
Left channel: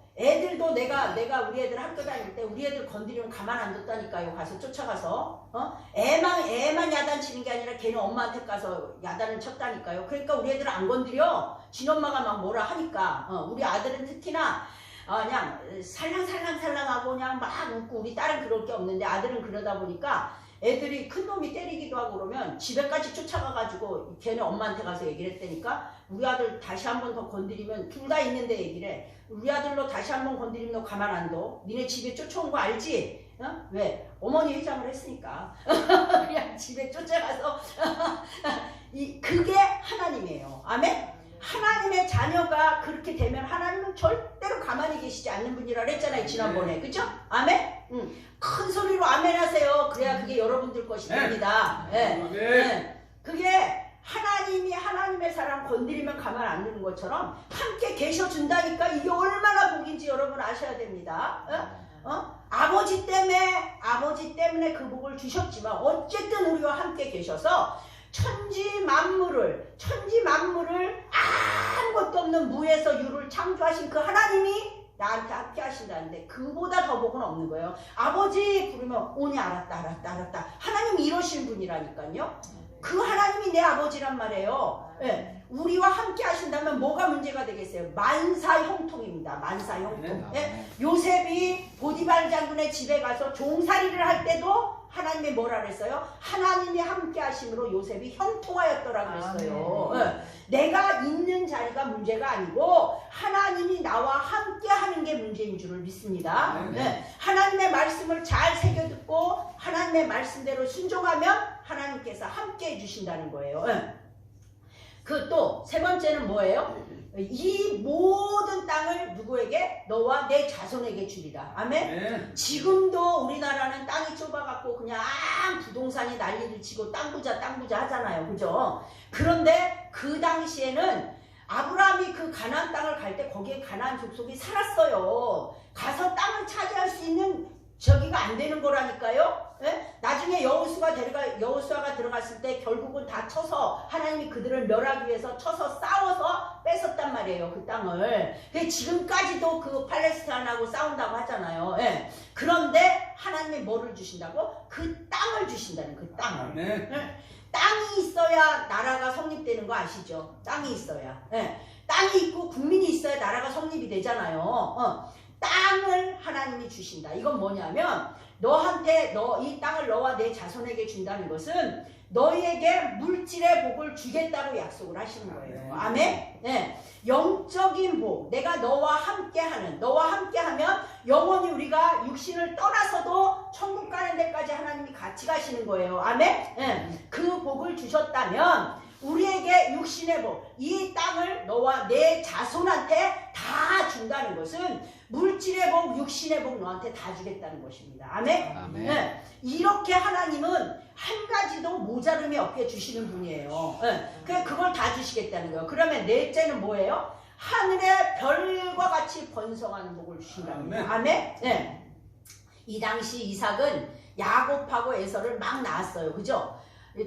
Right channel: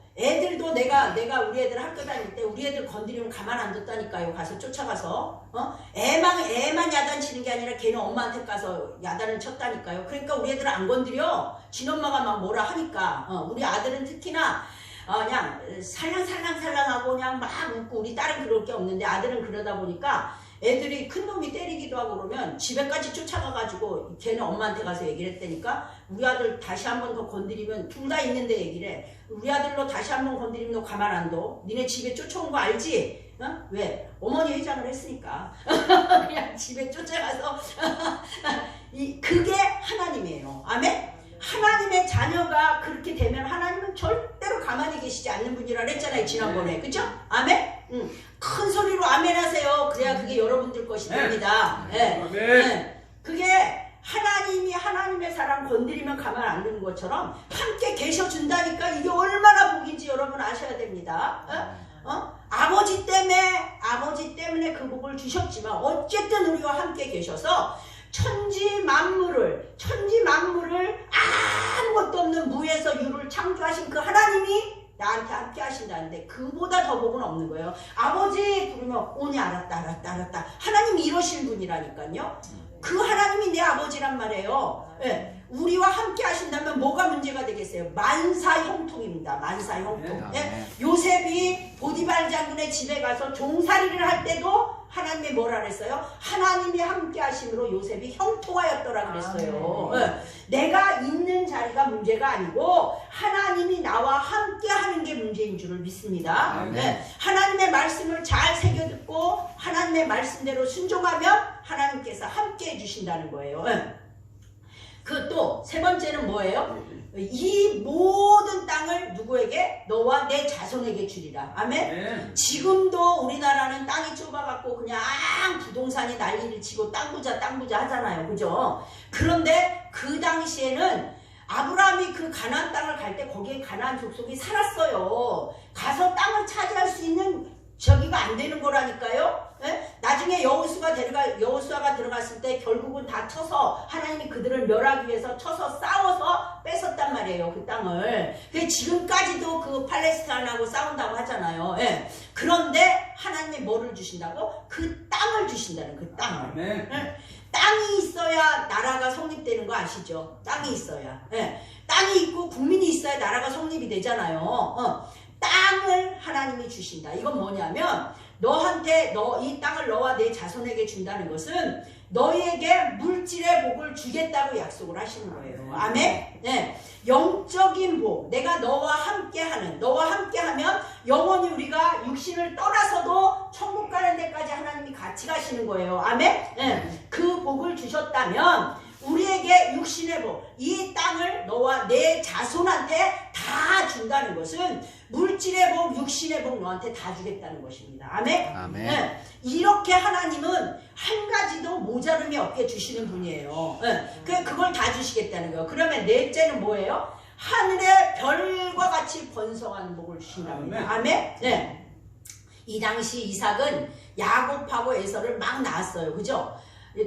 내가 우리 애들 학교 다닐 때 우리 애들 건드리면 가만 안 뒀다니까요. 가서 쫓아가서 애만 야단치는 게 아니라 걔는 엄마한테 가서 야단을 쳤다니까요. 그러니까 우리 애들은 안 건드려. 진엄마가 막 뭐라 하니까 우리 아들은 특히나 그냥 살랑살랑하고 그냥 막 웃고 우리 딸은 그럴 게 없는데 아들은 그러다 보니까 애들이 큰 놈이 때리기도 하고 그러면 집에까지 쫓아가가지고 걔는 엄마한테 가서 얘기를 했다니까 우리 아들 다시 한 번 더 건드리면 둘 다 있는데 얘기를 해. 우리 아들로 다시 한 번 건드리면 너 가만 안 둬. 니네 집에 쫓아온 거 알지? 왜? 어머니 회장을 했으니까 그냥 집에 쫓아가서 그게 하나님이에요. 아멘? 하나님의 자녀가 그렇게 되면 하나님은 절대로 가만히 계시지 않는 분이라 그랬잖아요. 지난번에. 그죠? 아멘? 큰 소리로 아멘 하세요. 그래야 그게 여러분들 것이 됩니다. 네. 그게 하나님이 하나님의 사람 건드리면 가만 안 두는 것처럼 함께 계셔준다니까 이게 얼마나 복인지 여러분 아셔야 됩니다. 아버지 때문에 그 복을 주셨지만 어쨌든 우리와 함께 계셔서 천지 만물을 아무것도 없는 무에서 유를 창조하신 그 하나님이 나한테 함께 하신다는데 그보다 더 복은 없는 거예요. 아버지 부르면 오니 알았다. 하나님이 이러신 분이라니까요. 그 하나님이 내 아버지란 말이에요. 예. 우리와 함께 하신다면 뭐가 문제가 되겠어요? 만사형통입니다. 만사형통. 예. 요셉이 보디발 장군의 집에 가서 종살이를 할 때도 하나님이 뭐라 그랬어요? 하나님이 함께 하심으로 요셉이 형통하였더라 그랬어요. 예. 내가 있는 자리가 문제가 아니고 하나님이 나와 함께 하는 게 문제인 줄을 믿습니다. 예. 하나님의 말씀을 잘 새겨듣고 하나님의 말씀대로 순종하면 하나님께서 함께 해주신다는 거예요. 예. 그 또 세 번째는 뭐예요? 이 모든 땅을 누구에게? 너와 내 자손에게 주리라. 아멘? 지금도 우리나라는 땅이 좁아갖고 그냥 부동산이 난리를 치고 땅 부자 하잖아요. 그죠? 그런데 그 당시에는 아브라함이 그 가나안 땅을 갈 때 거기에 가나안 족속이 살았어요. 가서 땅을 차지할 수 있는 저기가 안 되는 거라니까요. 예? 나중에 여호수아가 들어갔을 때 결국은 다 쳐서 하나님이 그들을 멸하기 위해서 쳐서 싸워서 뺏었단 말이에요. 그 땅을. 지금까지도 그 팔레스타인하고 싸운다고 하잖아요. 예. 그런데 하나님이 뭐를 주신다고? 그 땅을 주신다는 그 땅을. 네. 예? 땅이 있어야 나라가 성립되는 거 아시죠? 땅이 있어야. 예. 땅이 있고 국민이 있어야 나라가 성립이 되잖아요. 땅을 하나님이 주신다. 이건 뭐냐면 너한테 이 땅을 너와 내 자손에게 준다는 것은 너희에게 물질의 복을 주겠다고 약속을 하시는 거예요. 아멘? 네. 영적인 복, 내가 너와 함께하면 영원히 우리가 육신을 떠나서도 천국 가는 데까지 하나님이 같이 가시는 거예요. 아멘? 네. 그 복을 주셨다면 우리에게 육신의 복, 이 땅을 너와 내 자손한테 다 준다는 것은 물질의 복, 육신의 복 너한테 다 주겠다는 것입니다. 아멘? 아멘. 네. 이렇게 하나님은 한 가지도 모자름이 없게 주시는 분이에요. 네. 그걸 다 주시겠다는 거예요. 그러면 넷째는 뭐예요? 하늘의 별과 같이 번성하는 복을 주신다는 거예요. 아멘? 네. 이 당시 이삭은 야곱하고 에서를 막 낳았어요. 그죠?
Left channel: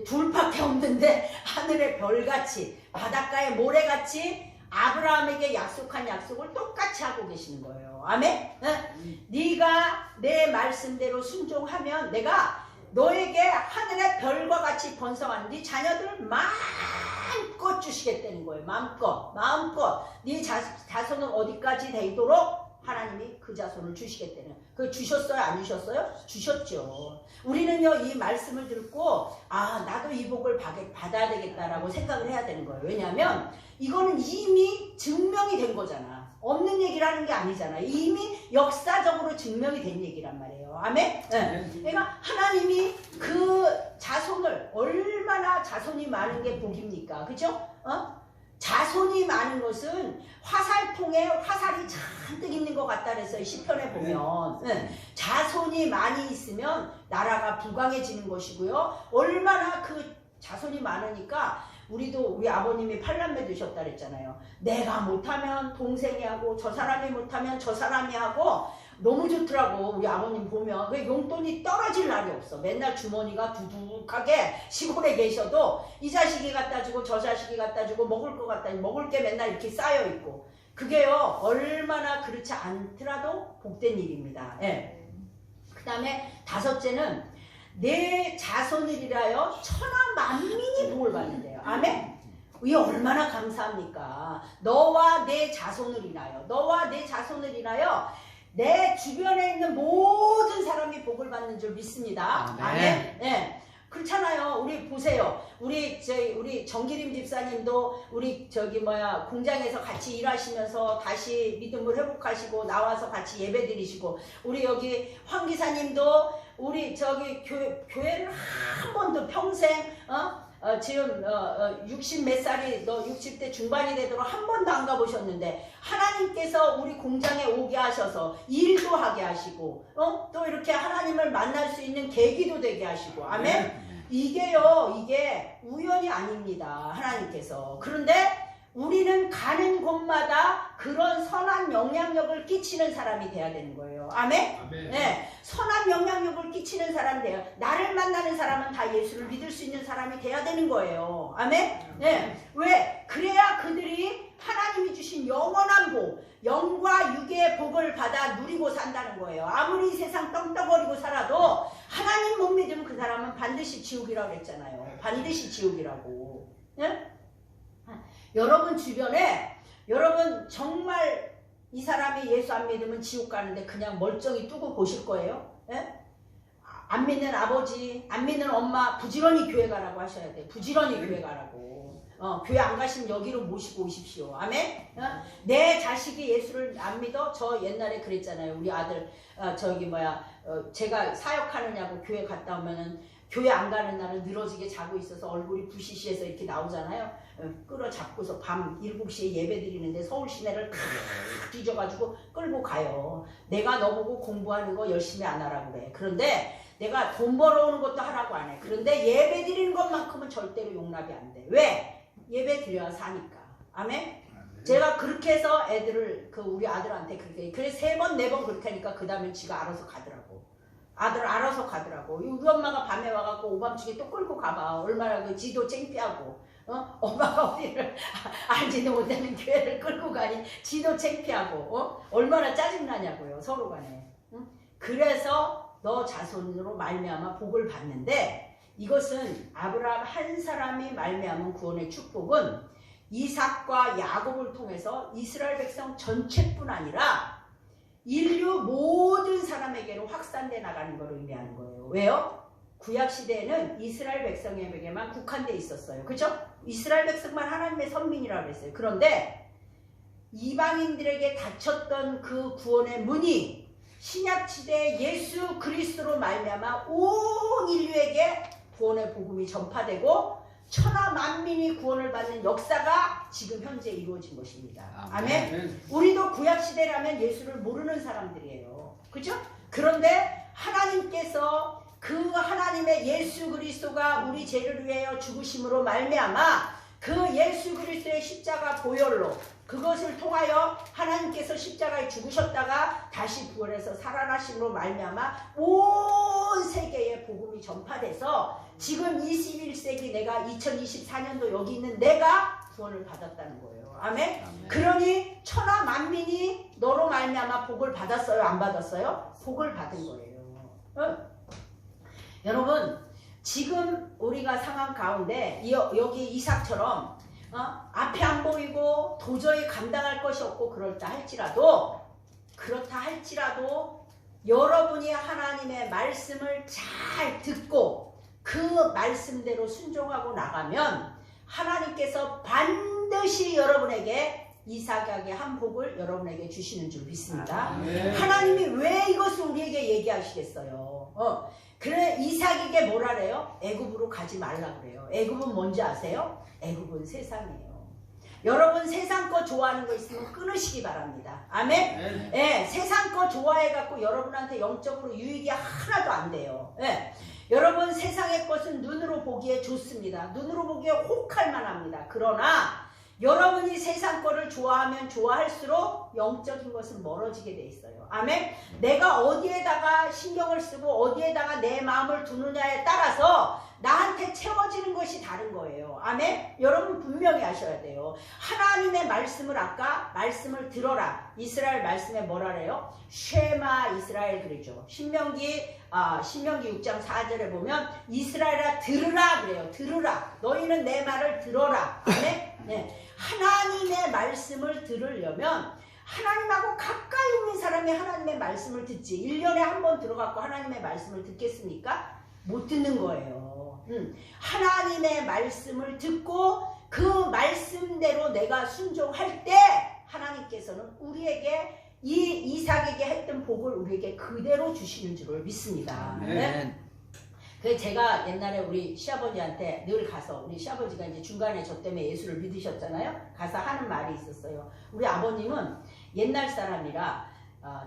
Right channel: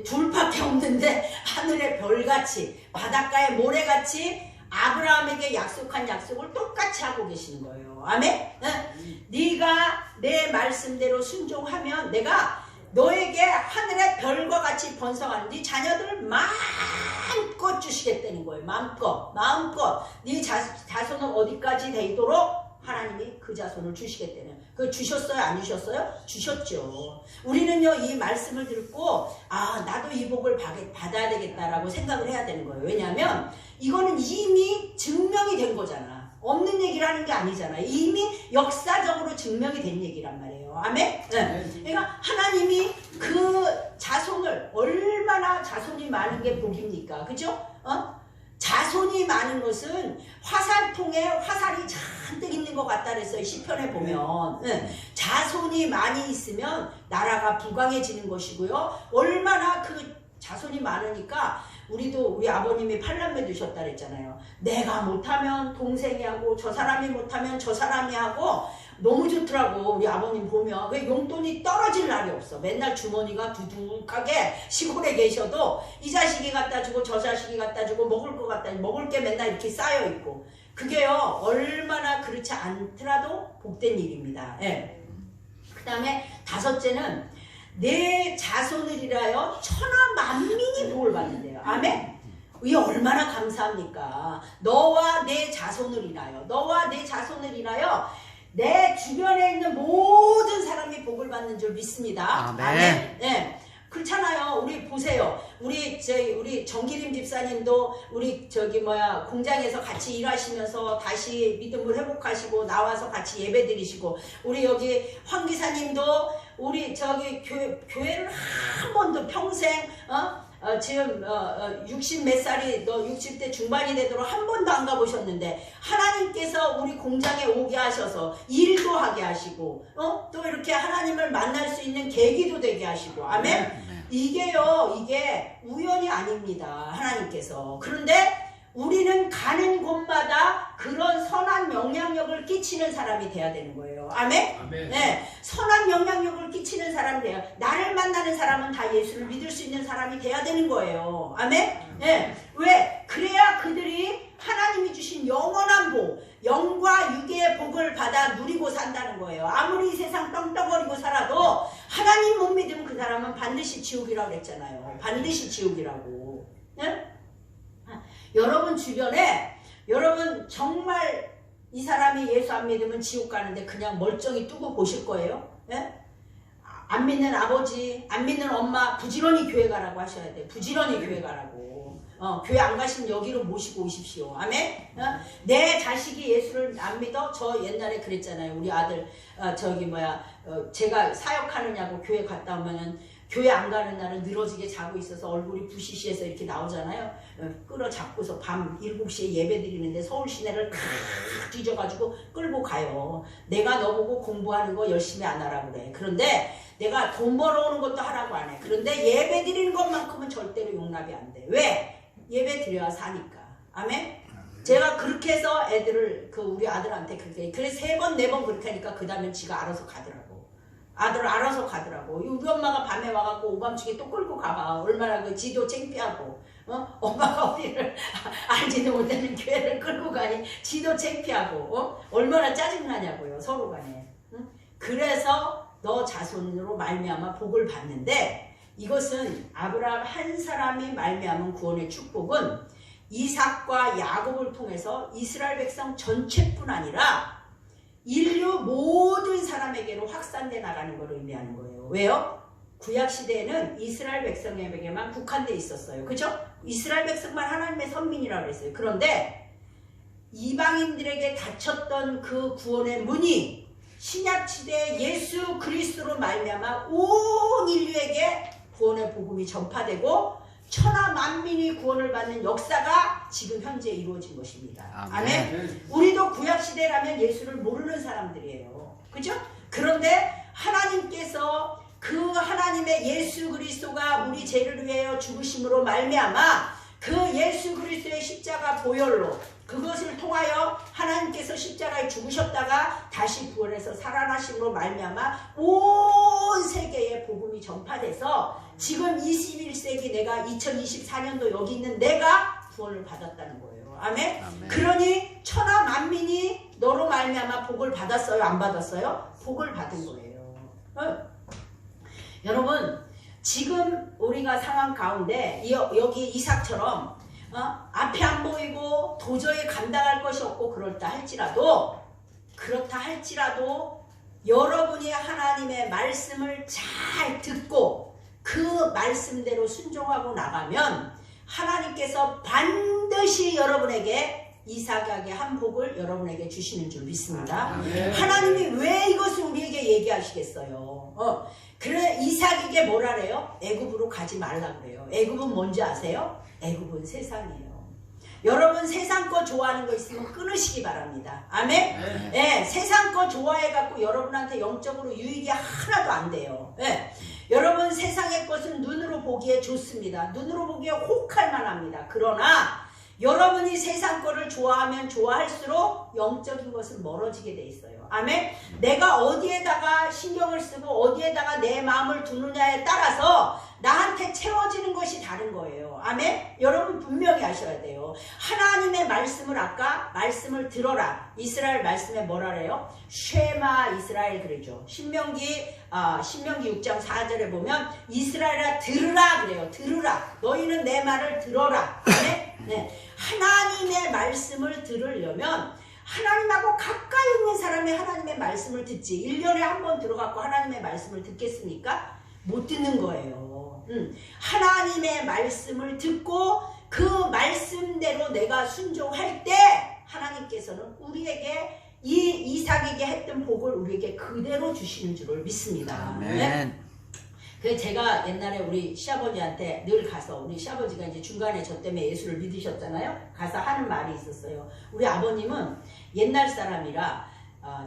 둘밖에 없는데 하늘의 별같이 바닷가의 모래같이 아브라함에게 약속한 약속을 똑같이 하고 계시는 거예요. 아멘? 네가 내 말씀대로 순종하면 내가 너에게 하늘의 별과 같이 번성하는 네 자녀들을 마음껏 주시겠다는 거예요. 마음껏 네 자손은 어디까지 되도록 하나님이 그 자손을 주시겠다는. 그 주셨어요? 안 주셨어요? 주셨죠. 우리는요 이 말씀을 듣고 나도 이 복을 받아야 되겠다라고 생각을 해야 되는 거예요. 왜냐하면 이거는 이미 증명이 된 거잖아. 없는 얘기를 하는 게 아니잖아. 이미 역사적으로 증명이 된 얘기란 말이에요. 아멘? 네. 그러니까 하나님이 그 자손을 얼마나 자손이 많은 게 복입니까? 그죠? 자손이 많은 것은 화살통에 화살이 잔뜩 있는 것 같다 그랬어요. 시편에 보면. 자손이 많이 있으면 나라가 부강해지는 것이고요. 얼마나 그 자손이 많으니까 우리도 우리 아버님이 8남매 두셨다 그랬잖아요. 내가 못하면 동생이 하고 저 사람이 못하면 저 사람이 하고 너무 좋더라고. 우리 아버님 보면 그 용돈이 떨어질 날이 없어. 맨날 주머니가 두둑하게 시골에 계셔도 이 자식이 갖다 주고 저 자식이 갖다 주고 먹을 거 갖다 먹을 게 맨날 이렇게 쌓여 있고 그게요 얼마나 그렇지 않더라도 복된 일입니다. 예. 그 다음에 다섯째는 내 자손을 위하여 천하 만민이 복을 받는데요. 아멘? 이게 얼마나 감사합니까? 너와 내 자손을 인하여 너와 내 자손을 인하여 내 주변에 있는 모든 사람이 복을 받는 줄 믿습니다. 아멘. 네. 그렇잖아요. 우리 보세요. 우리 정기림 집사님도 우리 공장에서 같이 일하시면서 다시 믿음을 회복하시고 나와서 같이 예배 드리시고 우리 여기 황 기사님도 우리 교회를 한 번도 평생 지금 60 몇 살이 60대 중반이 되도록 한 번도 안 가보셨는데 하나님께서 우리 공장에 오게 하셔서 일도 하게 하시고 또 이렇게 하나님을 만날 수 있는 계기도 되게 하시고 아멘? 이게 우연이 아닙니다. 하나님께서. 그런데 우리는 가는 곳마다 그런 선한 영향력을 끼치는 사람이 돼야 되는 거예요. 아멘? 아멘. 네, 선한 영향력을 끼치는 사람이 돼요. 나를 만나는 사람은 다 예수를 믿을 수 있는 사람이 돼야 되는 거예요. 아멘? 네. 왜? 그래야 그들이 하나님이 주신 영원한 복, 영과 육의 복을 받아 누리고 산다는 거예요. 아무리 이 세상 떵떵거리고 살아도 하나님 못 믿으면 그 사람은 반드시 지옥이라고 그랬잖아요. 반드시 지옥이라고. 네? 여러분 주변에 여러분 정말 이 사람이 예수 안 믿으면 지옥 가는데 그냥 멀쩡히 두고 보실 거예요? 예? 안 믿는 아버지, 안 믿는 엄마 부지런히 교회 가라고 하셔야 돼요. 부지런히 교회 가라고. 교회 안 가시면 여기로 모시고 오십시오. 아멘? 내 자식이 예수를 안 믿어? 저 옛날에 그랬잖아요. 우리 아들 제가 사역하느냐고 교회 갔다 오면은 교회 안 가는 날은 늘어지게 자고 있어서 얼굴이 부시시해서 이렇게 나오잖아요. 끌어잡고서 밤 7시에 예배 드리는데 서울 시내를 탁 뒤져가지고 끌고 가요. 내가 너보고 공부하는 거 열심히 안 하라고 그래. 그런데 내가 돈 벌어오는 것도 하라고 안 해. 그런데 예배 드리는 것만큼은 절대로 용납이 안 돼. 왜? 예배 드려야 사니까. 아멘? 제가 그렇게 해서 애들을 우리 아들한테 그렇게 그래서 3번 4번 그렇게 하니까 그 다음엔 지가 알아서 가더라고. 아들 알아서 가더라고. 우리 엄마가 밤에 와갖고 오밤중에 또 끌고 가봐. 얼마나 그 지도 창피하고 엄마가 우리를 알지도 못하는 교회를 끌고 가니 지도 창피하고 얼마나 짜증나냐고요. 서로 간에. 그래서 너 자손으로 말미암아 복을 받는데 이것은 아브라함 한 사람이 말미암은 구원의 축복은 이삭과 야곱을 통해서 이스라엘 백성 전체뿐 아니라 인류 모든 사람에게로 확산돼 나가는 것을 의미하는 거예요. 왜요? 구약시대에는 이스라엘 백성에게만 국한돼 있었어요. 그죠? 이스라엘 백성만 하나님의 선민이라고 했어요. 그런데 이방인들에게 닫혔던 그 구원의 문이 신약시대에 예수 그리스도로 말미암아 온 인류에게 구원의 복음이 전파되고 천하 만민이 구원을 받는 역사가 지금 현재 이루어진 것입니다. 아멘. 우리도 구약시대라면 예수를 모르는 사람들이에요. 그죠? 그런데 하나님께서 그 하나님의 예수 그리스도가 우리 죄를 위하여 죽으심으로 말미암아 그 예수 그리스도의 십자가 보혈로 그것을 통하여 하나님께서 십자가에 죽으셨다가 다시 부활해서 살아나심으로 말미암아 온 세계에 복음이 전파돼서 지금 21세기 내가 2024년도 여기 있는 내가 구원을 받았다는 거예요. 아멘? 아멘. 그러니 천하 만민이 너로 말미암아 복을 받았어요? 안 받았어요? 복을 받은 거예요. 여러분 지금 우리가 상황 가운데 여기 이삭처럼 앞에 안 보이고 도저히 감당할 것이 없고 그렇다 할지라도 여러분이 하나님의 말씀을 잘 듣고 그 말씀대로 순종하고 나가면 하나님께서 반드시 여러분에게 이삭에게 한 복을 여러분에게 주시는 줄 믿습니다. 하나님이 왜 이것을 얘기하시겠어요? 그래 이삭에게 뭐라 그래요? 애굽으로 가지 말라 그래요. 애굽은 뭔지 아세요? 애굽은 세상이에요. 여러분 세상 거 좋아하는 거 있으면 끊으시기 바랍니다. 아멘? 네, 세상 거 좋아해갖고 여러분한테 영적으로 유익이 하나도 안 돼요. 네. 여러분 세상의 것은 눈으로 보기에 좋습니다. 눈으로 보기에 혹할 만합니다. 그러나 여러분이 세상 거를 좋아하면 좋아할수록 영적인 것은 멀어지게 돼 있어요. 아멘? 내가 어디에다가 신경을 쓰고 어디에다가 내 마음을 두느냐에 따라서 나한테 채워지는 것이 다른 거예요. 아멘? 여러분 분명히 아셔야 돼요. 하나님의 말씀을 아까 말씀을 들어라. 이스라엘 말씀에 뭐라 그래요? 쉐마 이스라엘 그러죠. 신명기 6장 4절에 보면 이스라엘아 들으라 그래요. 들으라. 너희는 내 말을 들어라. 아멘? 네. 하나님의 말씀을 들으려면 하나님하고 가까이 있는 사람이 하나님의 말씀을 듣지 1년에 한 번 들어갖고 하나님의 말씀을 듣겠습니까? 못 듣는 거예요. 하나님의 말씀을 듣고 그 말씀대로 내가 순종할 때 하나님께서는 우리에게 이삭에게 했던 복을 우리에게 그대로 주시는 줄을 믿습니다. 네? 그래서 제가 옛날에 우리 시아버지한테 늘 가서 우리 시아버지가 이제 중간에 저 때문에 예수를 믿으셨잖아요. 가서 하는 말이 있었어요. 우리 아버님은 옛날 사람이라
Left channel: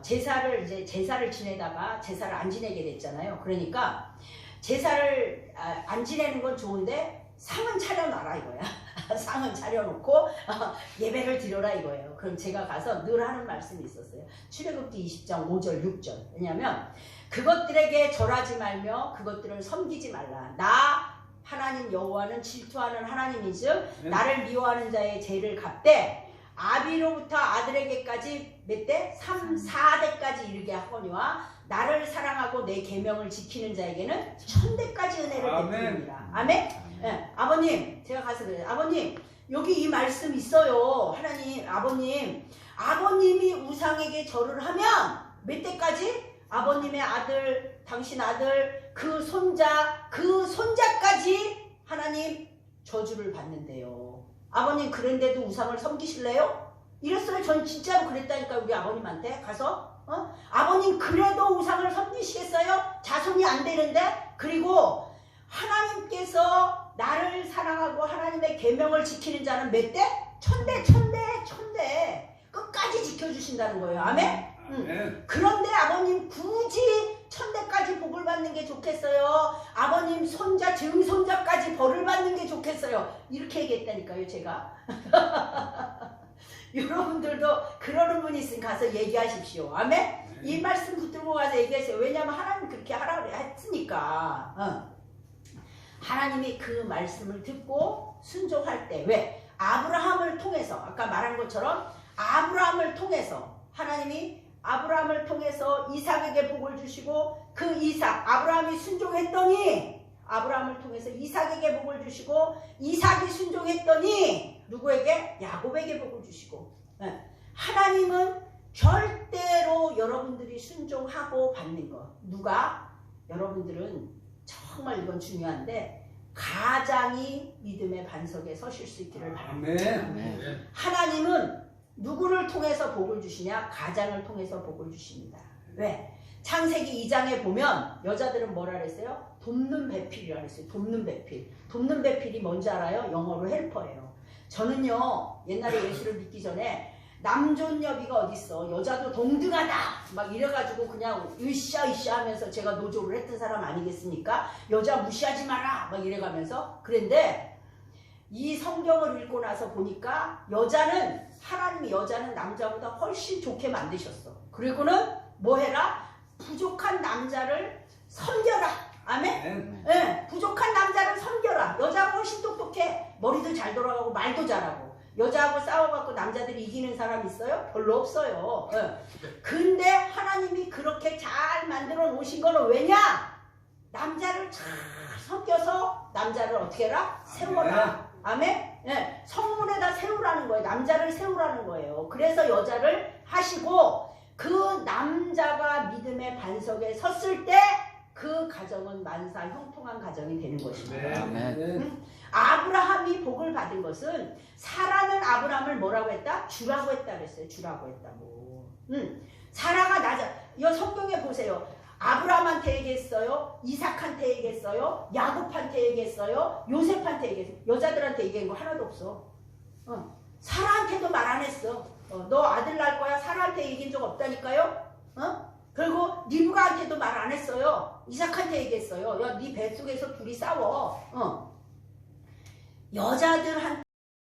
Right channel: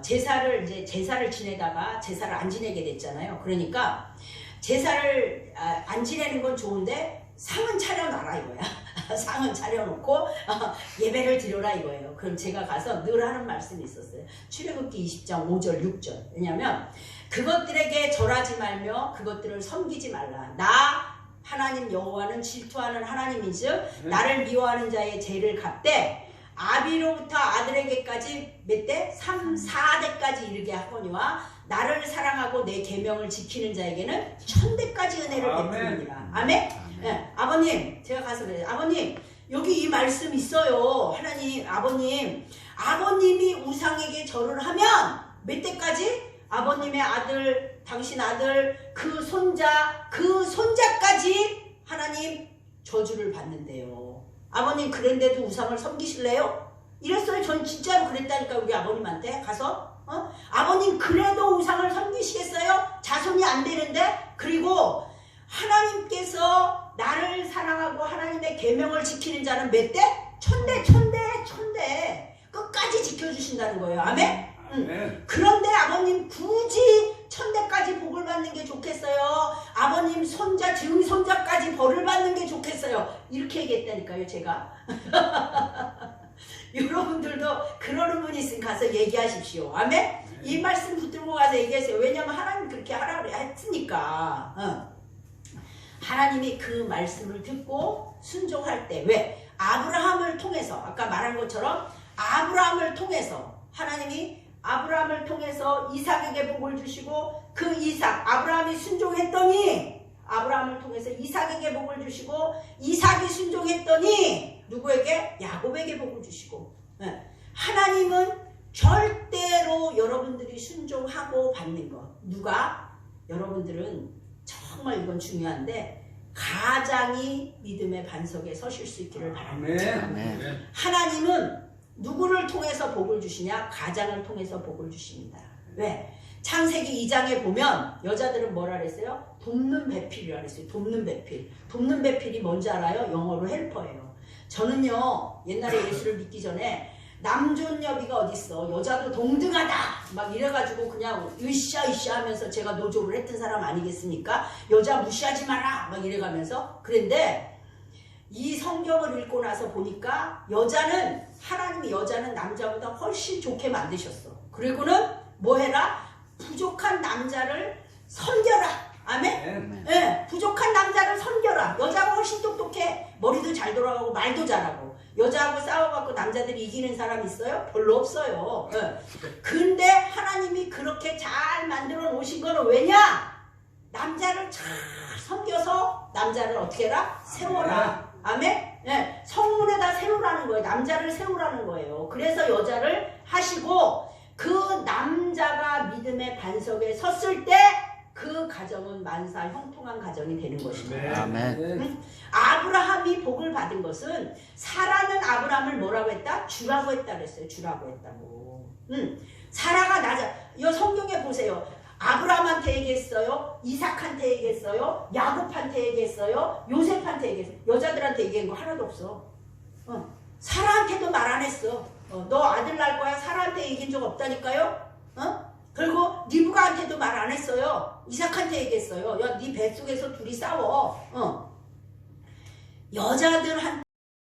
제사를 지내다가 제사를 안 지내게 됐잖아요. 그러니까 제사를 안 지내는 건 좋은데 상은 차려놔라 이거야. 상은 차려놓고 예배를 드려라 이거예요. 그럼 제가 가서 늘 하는 말씀이 있었어요. 출애굽기 20장 5절 6절. 왜냐면 그것들에게 절하지 말며 그것들을 섬기지 말라. 나 하나님 여호와는 질투하는 하나님인즉 나를 미워하는 자의 죄를 갚되 아비로부터 아들에게까지 몇 대? 3, 4대까지 이르게 하거니와 나를 사랑하고 내 계명을 지키는 자에게는 1000대까지 은혜를 베푸느니라. 아멘? 네, 아버님 제가 가서 그래요. 아버님 여기 이 말씀 있어요. 하나님 아버님이 우상에게 절을 하면 몇 대까지? 아버님의 아들, 당신 아들, 그 손자까지 하나님 저주를 받는데요. 아버님 그런데도 우상을 섬기실래요? 이랬어요. 전 진짜로 그랬다니까 우리 아버님한테 가서 아버님 그래도 우상을 섬기시겠어요? 자손이 안 되는데? 그리고 하나님께서 나를 사랑하고 하나님의 계명을 지키는 자는 몇 대? 1000대 끝까지 지켜주신다는 거예요. 아멘? 그런데 아버님 굳이 1000대까지 복을 받는 게 좋겠어요? 아버님 손자 증손자까지 벌을 받는 게 좋겠어요? 이렇게 얘기했다니까요 제가. 여러분들도 그러는 분이 있으면 가서 얘기하십시오. 아멘? 이 말씀 붙들고 가서 얘기하세요. 왜냐하면 하나님 그렇게 하라고 했으니까. 하나님이 그 말씀을 듣고 순종할 때 왜? 아브라함을 통해서 아까 말한 것처럼 아브라함을 통해서 하나님이 아브라함을 통해서 이삭에게 복을 주시고 그 이삭 아브라함이 순종했더니 아브라함을 통해서 이삭에게 복을 주시고 이삭이 순종했더니 누구에게? 야곱에게 복을 주시고 하나님은 절대로 여러분들이 순종하고 받는 것 누가? 여러분들은 정말 이건 중요한데 가장이 믿음의 반석에 서실 수 있기를 바랍니다. 하나님은 누구를 통해서 복을 주시냐? 가장을 통해서 복을 주십니다. 왜? 창세기 2장에 보면 여자들은 뭐라 그랬어요? 돕는 배필이라 그랬어요. 돕는 배필. 돕는 배필이 뭔지 알아요? 영어로 헬퍼예요. 저는요 옛날에 예수를 믿기 전에 남존여비가 어딨어. 여자도 동등하다. 막 이래가지고 그냥 으쌰으쌰 하면서 제가 노조를 했던 사람 아니겠습니까? 여자 무시하지 마라. 막 이래가면서. 그런데 이 성경을 읽고 나서 보니까 하나님이 여자는 남자보다 훨씬 좋게 만드셨어. 그리고는 뭐 해라? 부족한 남자를 섬겨라. 아멘? 네, 부족한 남자를 섬겨라. 여자가 훨씬 똑똑해. 머리도 잘 돌아가고 말도 잘하고. 여자하고 싸워갖고 남자들이 이기는 사람 있어요? 별로 없어요. 근데 하나님이 그렇게 잘 만들어 놓으신 거는 왜냐? 남자를 잘 섬겨서 남자를 어떻게 해라? 세워라. 아멘? 네, 성문에다 세우라는 거예요. 남자를 세우라는 거예요. 그래서 여자를 하시고 그 남자가 믿음의 반석에 섰을 때 그 가정은 만사 형통한 가정이 되는 것입니다. 아멘. 아브라함이 복을 받은 것은 사라는 아브라함을 뭐라고 했다? 주라고 했다 그랬어요. 주라고 했다고. 사라가 이 성경에 보세요. 아브라함한테 얘기했어요. 이삭한테 얘기했어요. 야곱한테 얘기했어요. 요셉한테 얘기했어요. 여자들한테 얘기한 거 하나도 없어. 사라한테도 말 안 했어. 너 아들 낳을 거야. 사라한테 얘기한 적 없다니까요. 그리고 리브가한테도 말 안 했어요. 이삭한테 얘기했어요. 야, 네 뱃속에서 둘이 싸워. 여자들한테